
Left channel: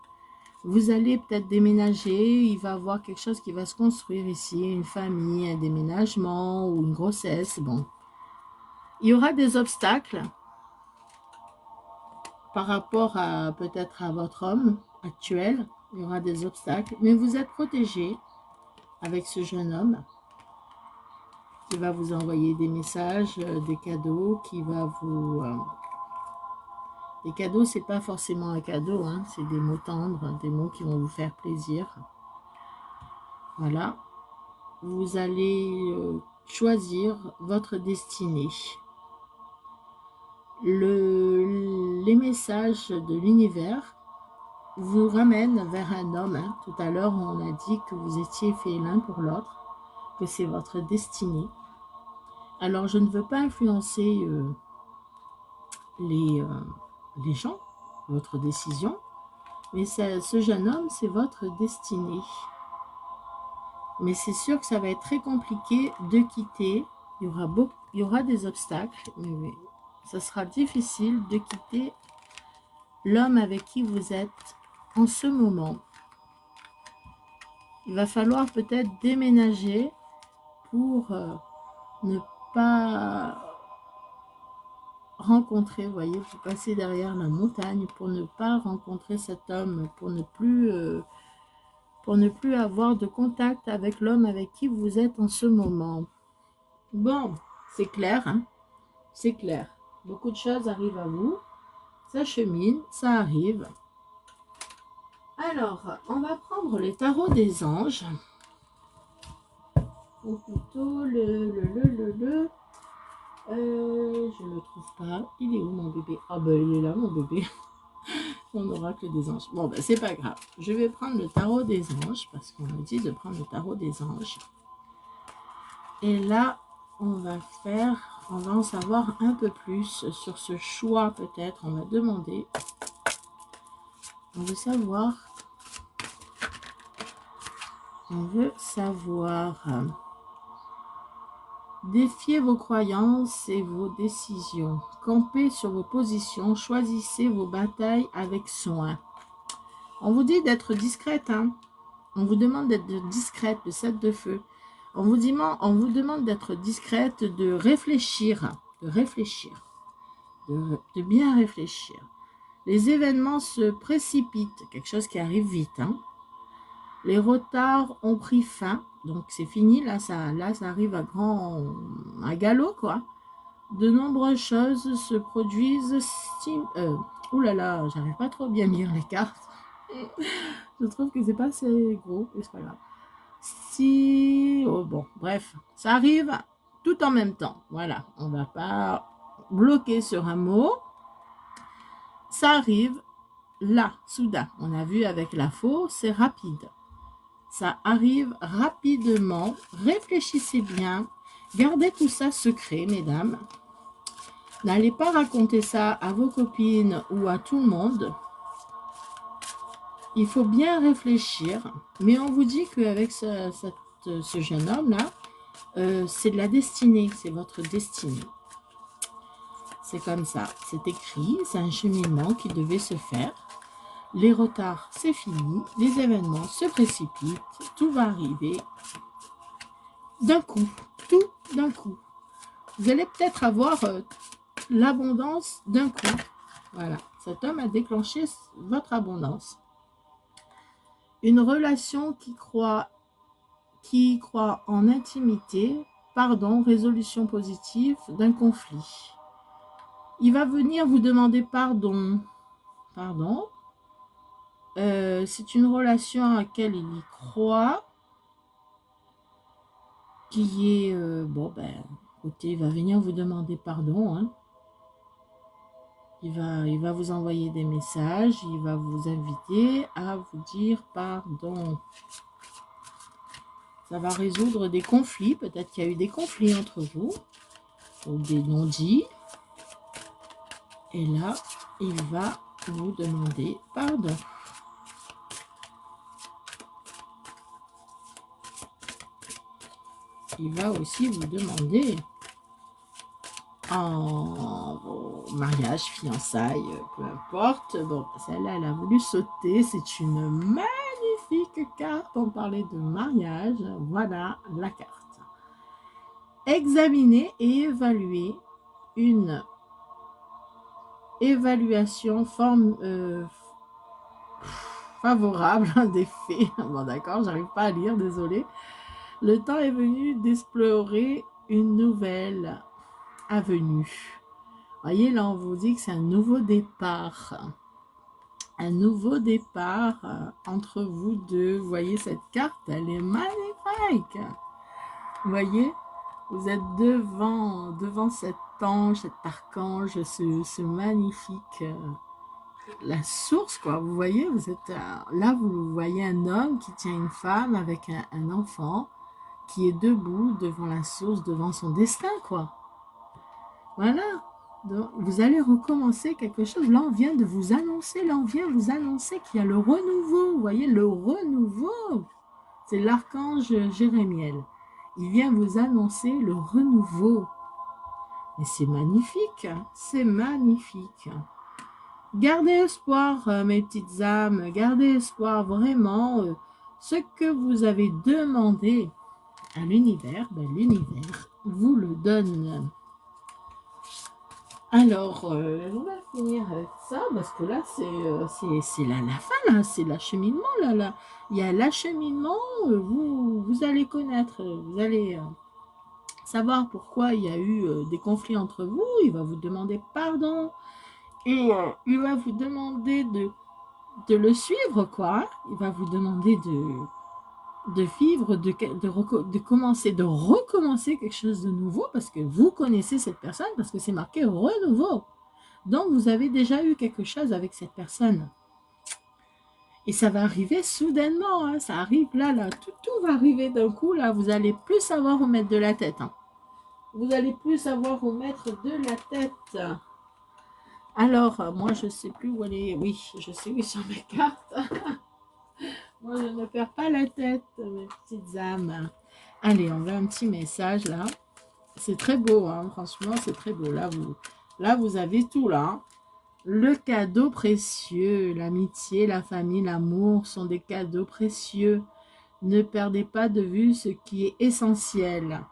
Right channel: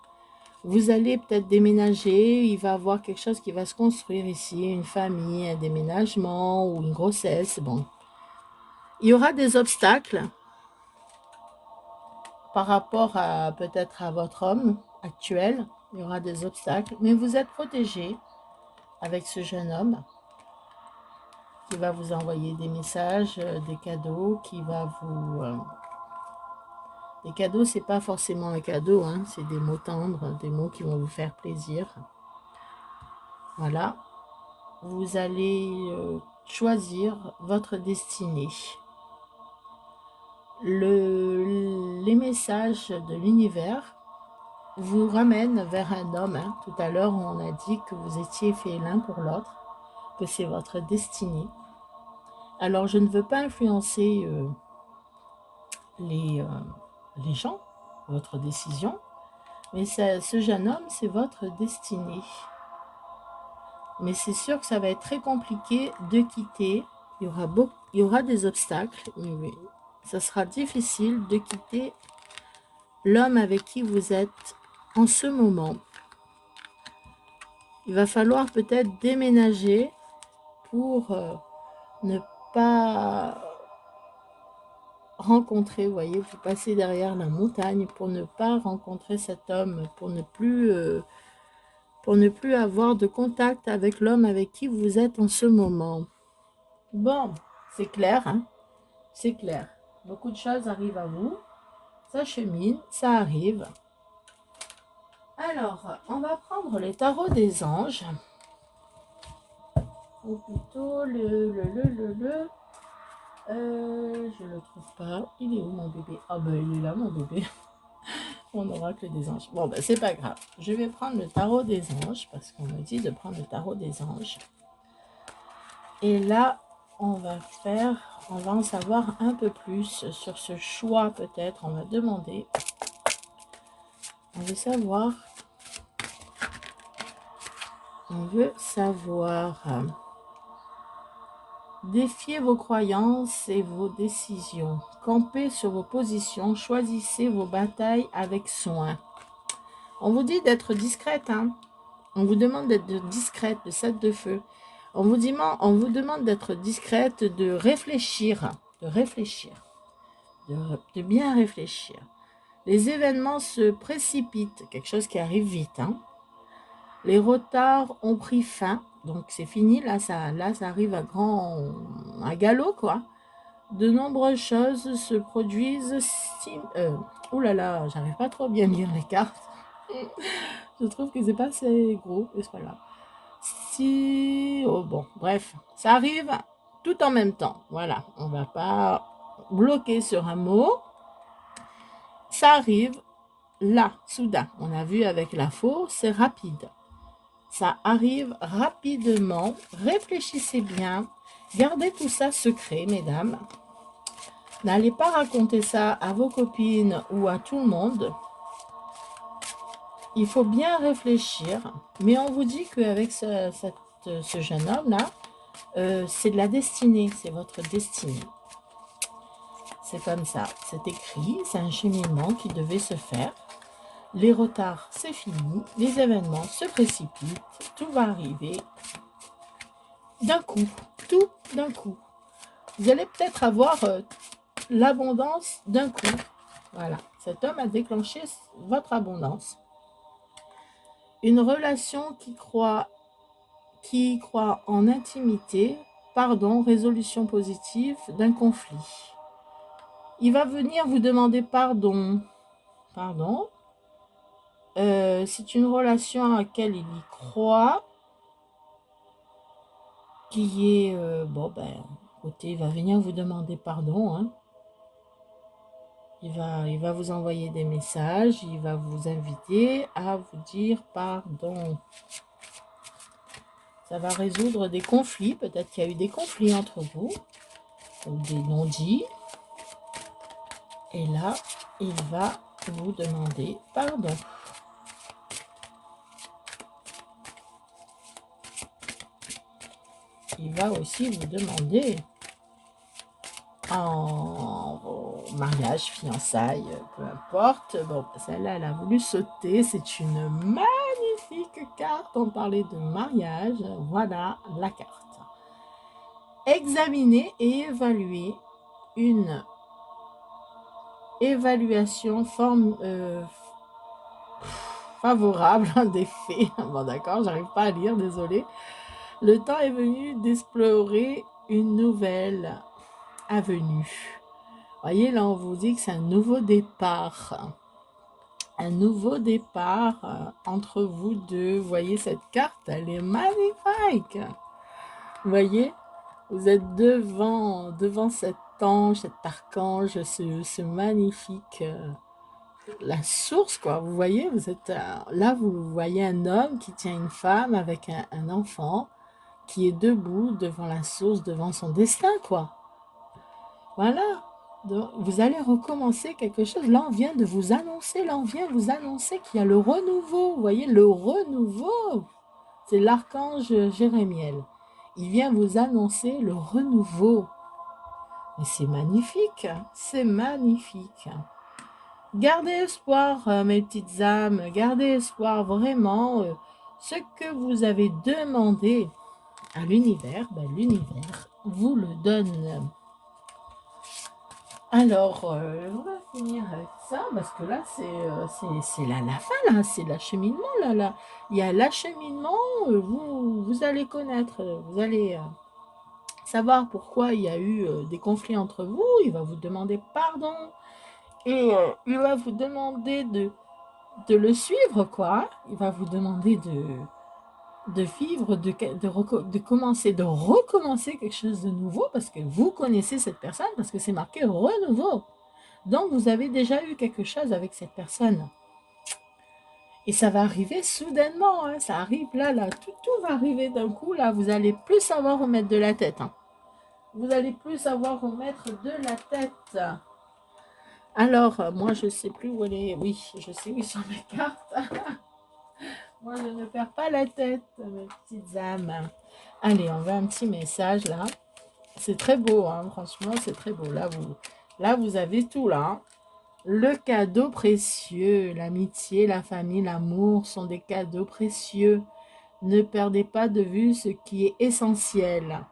Vous allez peut-être déménager, il va y avoir quelque chose qui va se construire ici, une famille, un déménagement ou une grossesse. Bon, il y aura des obstacles par rapport à peut-être à votre homme actuel. Il y aura des obstacles, mais vous êtes protégé avec ce jeune homme qui va vous envoyer des messages, des cadeaux, qui va vous... des cadeaux, c'est pas forcément un cadeau, hein, c'est des mots tendres, des mots qui vont vous faire plaisir. Voilà. Vous allez choisir votre destinée. Les messages de l'univers vous ramènent vers un homme. Hein. Tout à l'heure, on a dit que vous étiez faits l'un pour l'autre, que c'est votre destinée. Alors, je ne veux pas influencer les gens, votre décision, mais ce jeune homme, c'est votre destinée. Mais c'est sûr que ça va être très compliqué de quitter. Il y aura des obstacles, mais ça sera difficile de quitter l'homme avec qui vous êtes en ce moment. Il va falloir peut-être déménager pour ne pas rencontrer, vous voyez, vous passez derrière la montagne pour ne pas rencontrer cet homme, pour ne plus avoir de contact avec l'homme avec qui vous êtes en ce moment. Bon, c'est clair, hein? C'est clair. Beaucoup de choses arrivent à vous. Ça chemine, ça arrive. Alors, on va prendre les tarots des anges. Ou plutôt le Je le trouve pas. Il est où mon bébé? Ah ben il est là mon bébé. Mon oracle des anges. Bon ben c'est pas grave. Je vais prendre le tarot des anges parce qu'on me dit de prendre le tarot des anges. Et là, on va en savoir un peu plus sur ce choix peut-être. On va demander. On veut savoir. On veut savoir. Défiez vos croyances et vos décisions. Campez sur vos positions. Choisissez vos batailles avec soin. On vous dit d'être discrète. Hein. On vous demande d'être discrète, de 7 de feu. On vous demande d'être discrète, de réfléchir. De bien réfléchir. Les événements se précipitent. Quelque chose qui arrive vite. Hein. Les retards ont pris fin. Donc, c'est fini. Là, ça arrive à galop, quoi. De nombreuses choses se produisent. Ouh là là, j'arrive pas trop bien lire les cartes. Je trouve que c'est pas assez gros, mais c'est pas grave. Oh bon, bref, ça arrive tout en même temps. Voilà, on va pas bloquer sur un mot. Ça arrive là, soudain. On a vu avec la faux, c'est rapide. Ça arrive rapidement. Réfléchissez bien. Gardez tout ça secret, mesdames. N'allez pas raconter ça à vos copines ou à tout le monde. Il faut bien réfléchir. Mais on vous dit qu'avec ce jeune homme-là, c'est de la destinée. C'est votre destinée. C'est comme ça. C'est écrit. C'est un cheminement qui devait se faire. Les retards, c'est fini. Les événements se précipitent. Tout va arriver d'un coup. Tout d'un coup. Vous allez peut-être avoir l'abondance d'un coup. Voilà. Cet homme a déclenché votre abondance. Une relation qui croit en intimité, pardon, résolution positive d'un conflit. Il va venir vous demander pardon. Pardon. C'est une relation à laquelle il y croit. Qui est... bon, ben, écoutez, il va venir vous demander pardon. Hein. Il va vous envoyer des messages. Il va vous inviter à vous dire pardon. Ça va résoudre des conflits. Peut-être qu'il y a eu des conflits entre vous. Ou des non-dits. Et là, il va vous demander pardon. Il va aussi vous demander en mariage, fiançailles, peu importe. Bon, celle-là, elle a voulu sauter. C'est une magnifique carte. On parlait de mariage. Voilà la carte. Examiner et évaluer une évaluation favorable des faits. Bon, d'accord, j'arrive pas à lire, désolé. Le temps est venu d'explorer une nouvelle avenue. Voyez, là, on vous dit que c'est un nouveau départ. Un nouveau départ entre vous deux. Vous voyez, cette carte, elle est magnifique. Vous voyez, vous êtes devant cet ange, cet archange, ce magnifique... la source, quoi. Vous voyez, vous êtes... là, vous voyez un homme qui tient une femme avec un enfant qui est debout devant la source, devant son destin, quoi. Voilà. Donc, vous allez recommencer quelque chose. Là, on vient de vous annoncer, qu'il y a le renouveau. Vous voyez, le renouveau. C'est l'archange Jérémiel. Il vient vous annoncer le renouveau. Mais c'est magnifique. C'est magnifique. Gardez espoir, mes petites âmes. Gardez espoir, vraiment. Ce que vous avez demandé à l'univers, ben, l'univers vous le donne. Alors, on va finir avec ça, parce que là, c'est la fin, là, c'est l'acheminement, là. Il y a l'acheminement, vous allez connaître, vous allez savoir pourquoi il y a eu des conflits entre vous, il va vous demander pardon, et il va vous demander de le suivre, quoi. Il va vous demander de vivre, de commencer, de recommencer quelque chose de nouveau parce que vous connaissez cette personne, parce que c'est marqué renouveau. Donc, vous avez déjà eu quelque chose avec cette personne. Et ça va arriver soudainement, hein. Ça arrive là, tout va arriver d'un coup, là, vous allez plus savoir où mettre de la tête, hein. Vous allez plus savoir où mettre de la tête. Alors, moi, je sais plus où elle est. Oui, je sais où sont mes cartes. Moi, je ne perds pas la tête, mes petites âmes. Allez, on veut un petit message, là. C'est très beau, hein. Franchement, c'est très beau. Là, vous avez tout, là, hein. Le cadeau précieux, l'amitié, la famille, l'amour sont des cadeaux précieux. Ne perdez pas de vue ce qui est essentiel.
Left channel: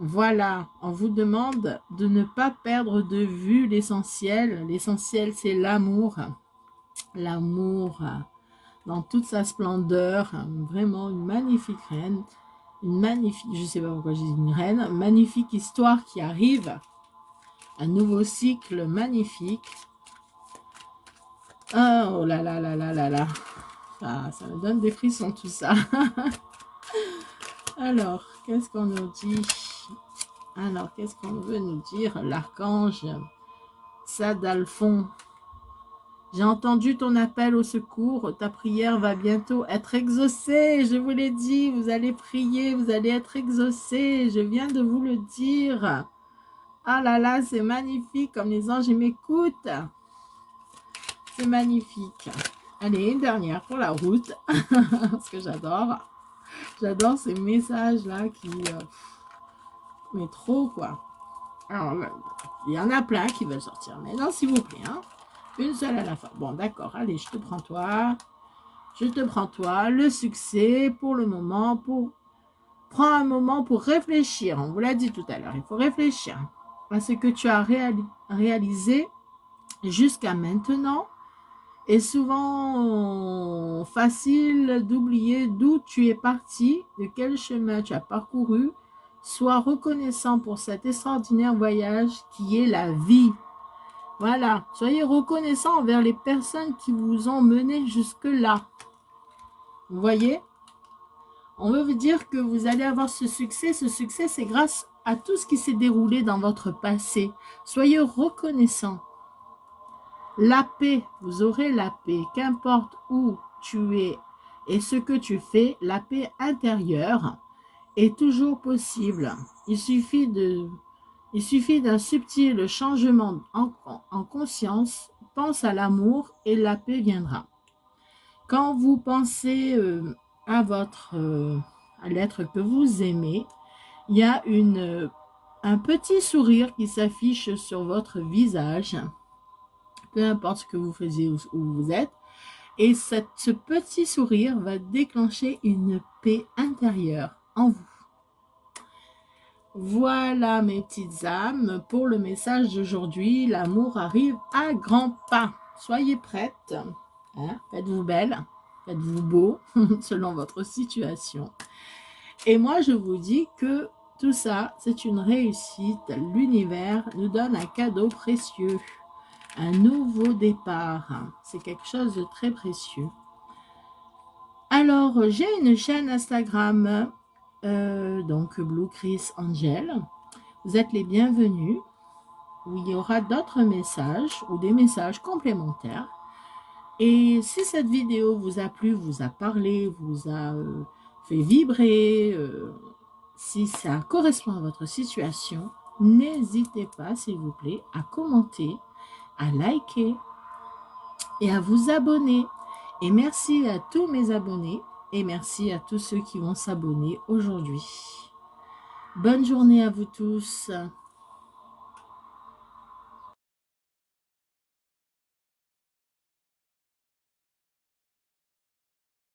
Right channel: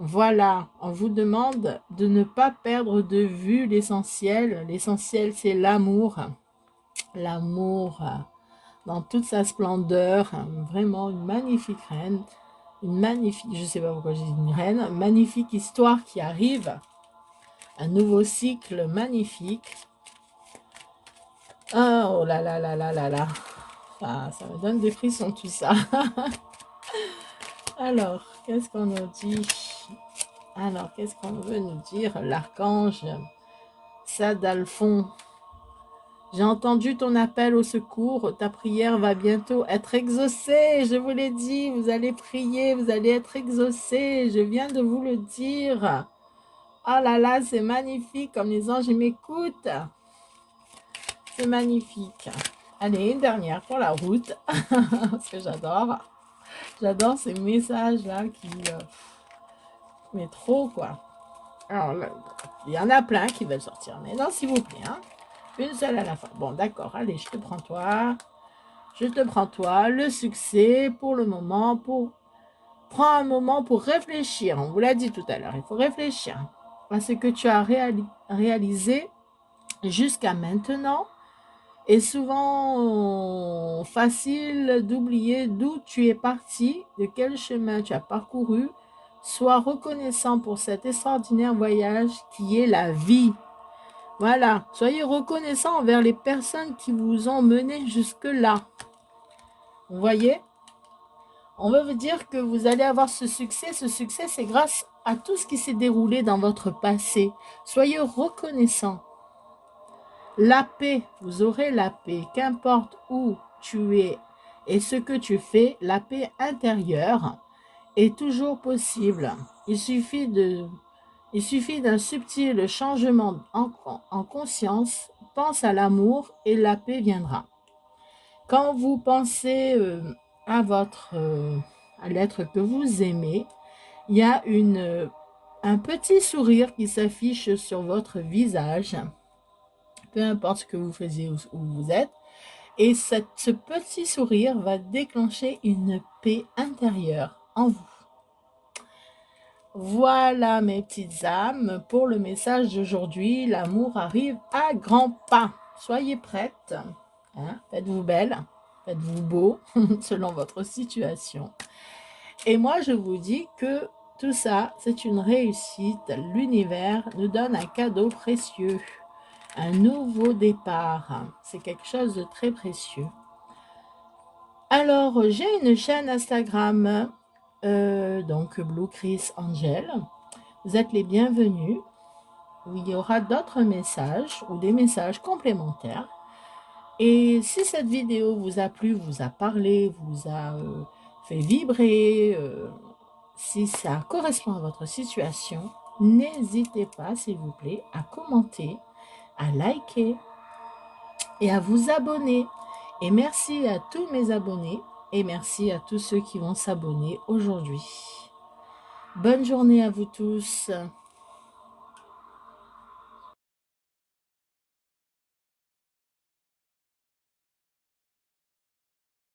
Voilà, on vous demande de ne pas perdre de vue l'essentiel. L'essentiel, c'est l'amour. L'amour dans toute sa splendeur. Vraiment une magnifique reine. Une magnifique, je ne sais pas pourquoi j'ai dit une reine, magnifique histoire qui arrive. Un nouveau cycle magnifique. Oh là là là là là là. Ah, ça me donne des frissons tout ça. Alors, qu'est-ce qu'on nous dit? Alors, qu'est-ce qu'on veut nous dire? L'archange Sadalphon. J'ai entendu ton appel au secours. Ta prière va bientôt être exaucée. Je vous l'ai dit, vous allez prier, vous allez être exaucés. Je viens de vous le dire. Ah là là, c'est magnifique comme les anges m'écoutent. C'est magnifique. Allez, une dernière pour la route. Parce que j'adore. J'adore ces messages-là qui... mais trop, quoi. Alors, il y en a plein qui veulent sortir. Mais non, s'il vous plaît, hein. Une seule à la fois. Bon, d'accord. Allez, je te prends toi. Je te prends toi. Le succès, pour le moment, prends un moment pour réfléchir. On vous l'a dit tout à l'heure. Il faut réfléchir à ce que tu as réalisé jusqu'à maintenant. Et souvent facile d'oublier d'où tu es parti, de quel chemin tu as parcouru. Sois reconnaissant pour cet extraordinaire voyage qui est la vie. Voilà, soyez reconnaissant envers les personnes qui vous ont mené jusque-là. Vous voyez? On veut vous dire que vous allez avoir ce succès. Ce succès, c'est grâce à tout ce qui s'est déroulé dans votre passé. Soyez reconnaissant. La paix, vous aurez la paix, qu'importe où tu es et ce que tu fais, la paix intérieure est toujours possible. Il suffit d'un subtil changement en conscience. Pense à l'amour et la paix viendra. Quand vous pensez à l'être que vous aimez, il y a un petit sourire qui s'affiche sur votre visage, peu importe ce que vous faisiez ou où vous êtes, et ce petit sourire va déclencher une paix intérieure en vous. Voilà mes petites âmes pour le message d'aujourd'hui. L'amour arrive à grands pas. Soyez prêtes. Hein? Faites-vous belle, faites-vous beau selon votre situation. Et moi, je vous dis que tout ça, c'est une réussite. L'univers nous donne un cadeau précieux. Un nouveau départ. C'est quelque chose de très précieux. Alors, j'ai une chaîne Instagram, donc Blue Chris Angel. Vous êtes les bienvenus, où il y aura d'autres messages ou des messages complémentaires. Et si cette vidéo vous a plu, vous a parlé, vous a fait vibrer, si ça correspond à votre situation, n'hésitez pas, s'il vous plaît, à commenter, à liker et à vous abonner. Et merci à tous mes abonnés et merci à tous ceux qui vont s'abonner aujourd'hui. Bonne journée à vous tous.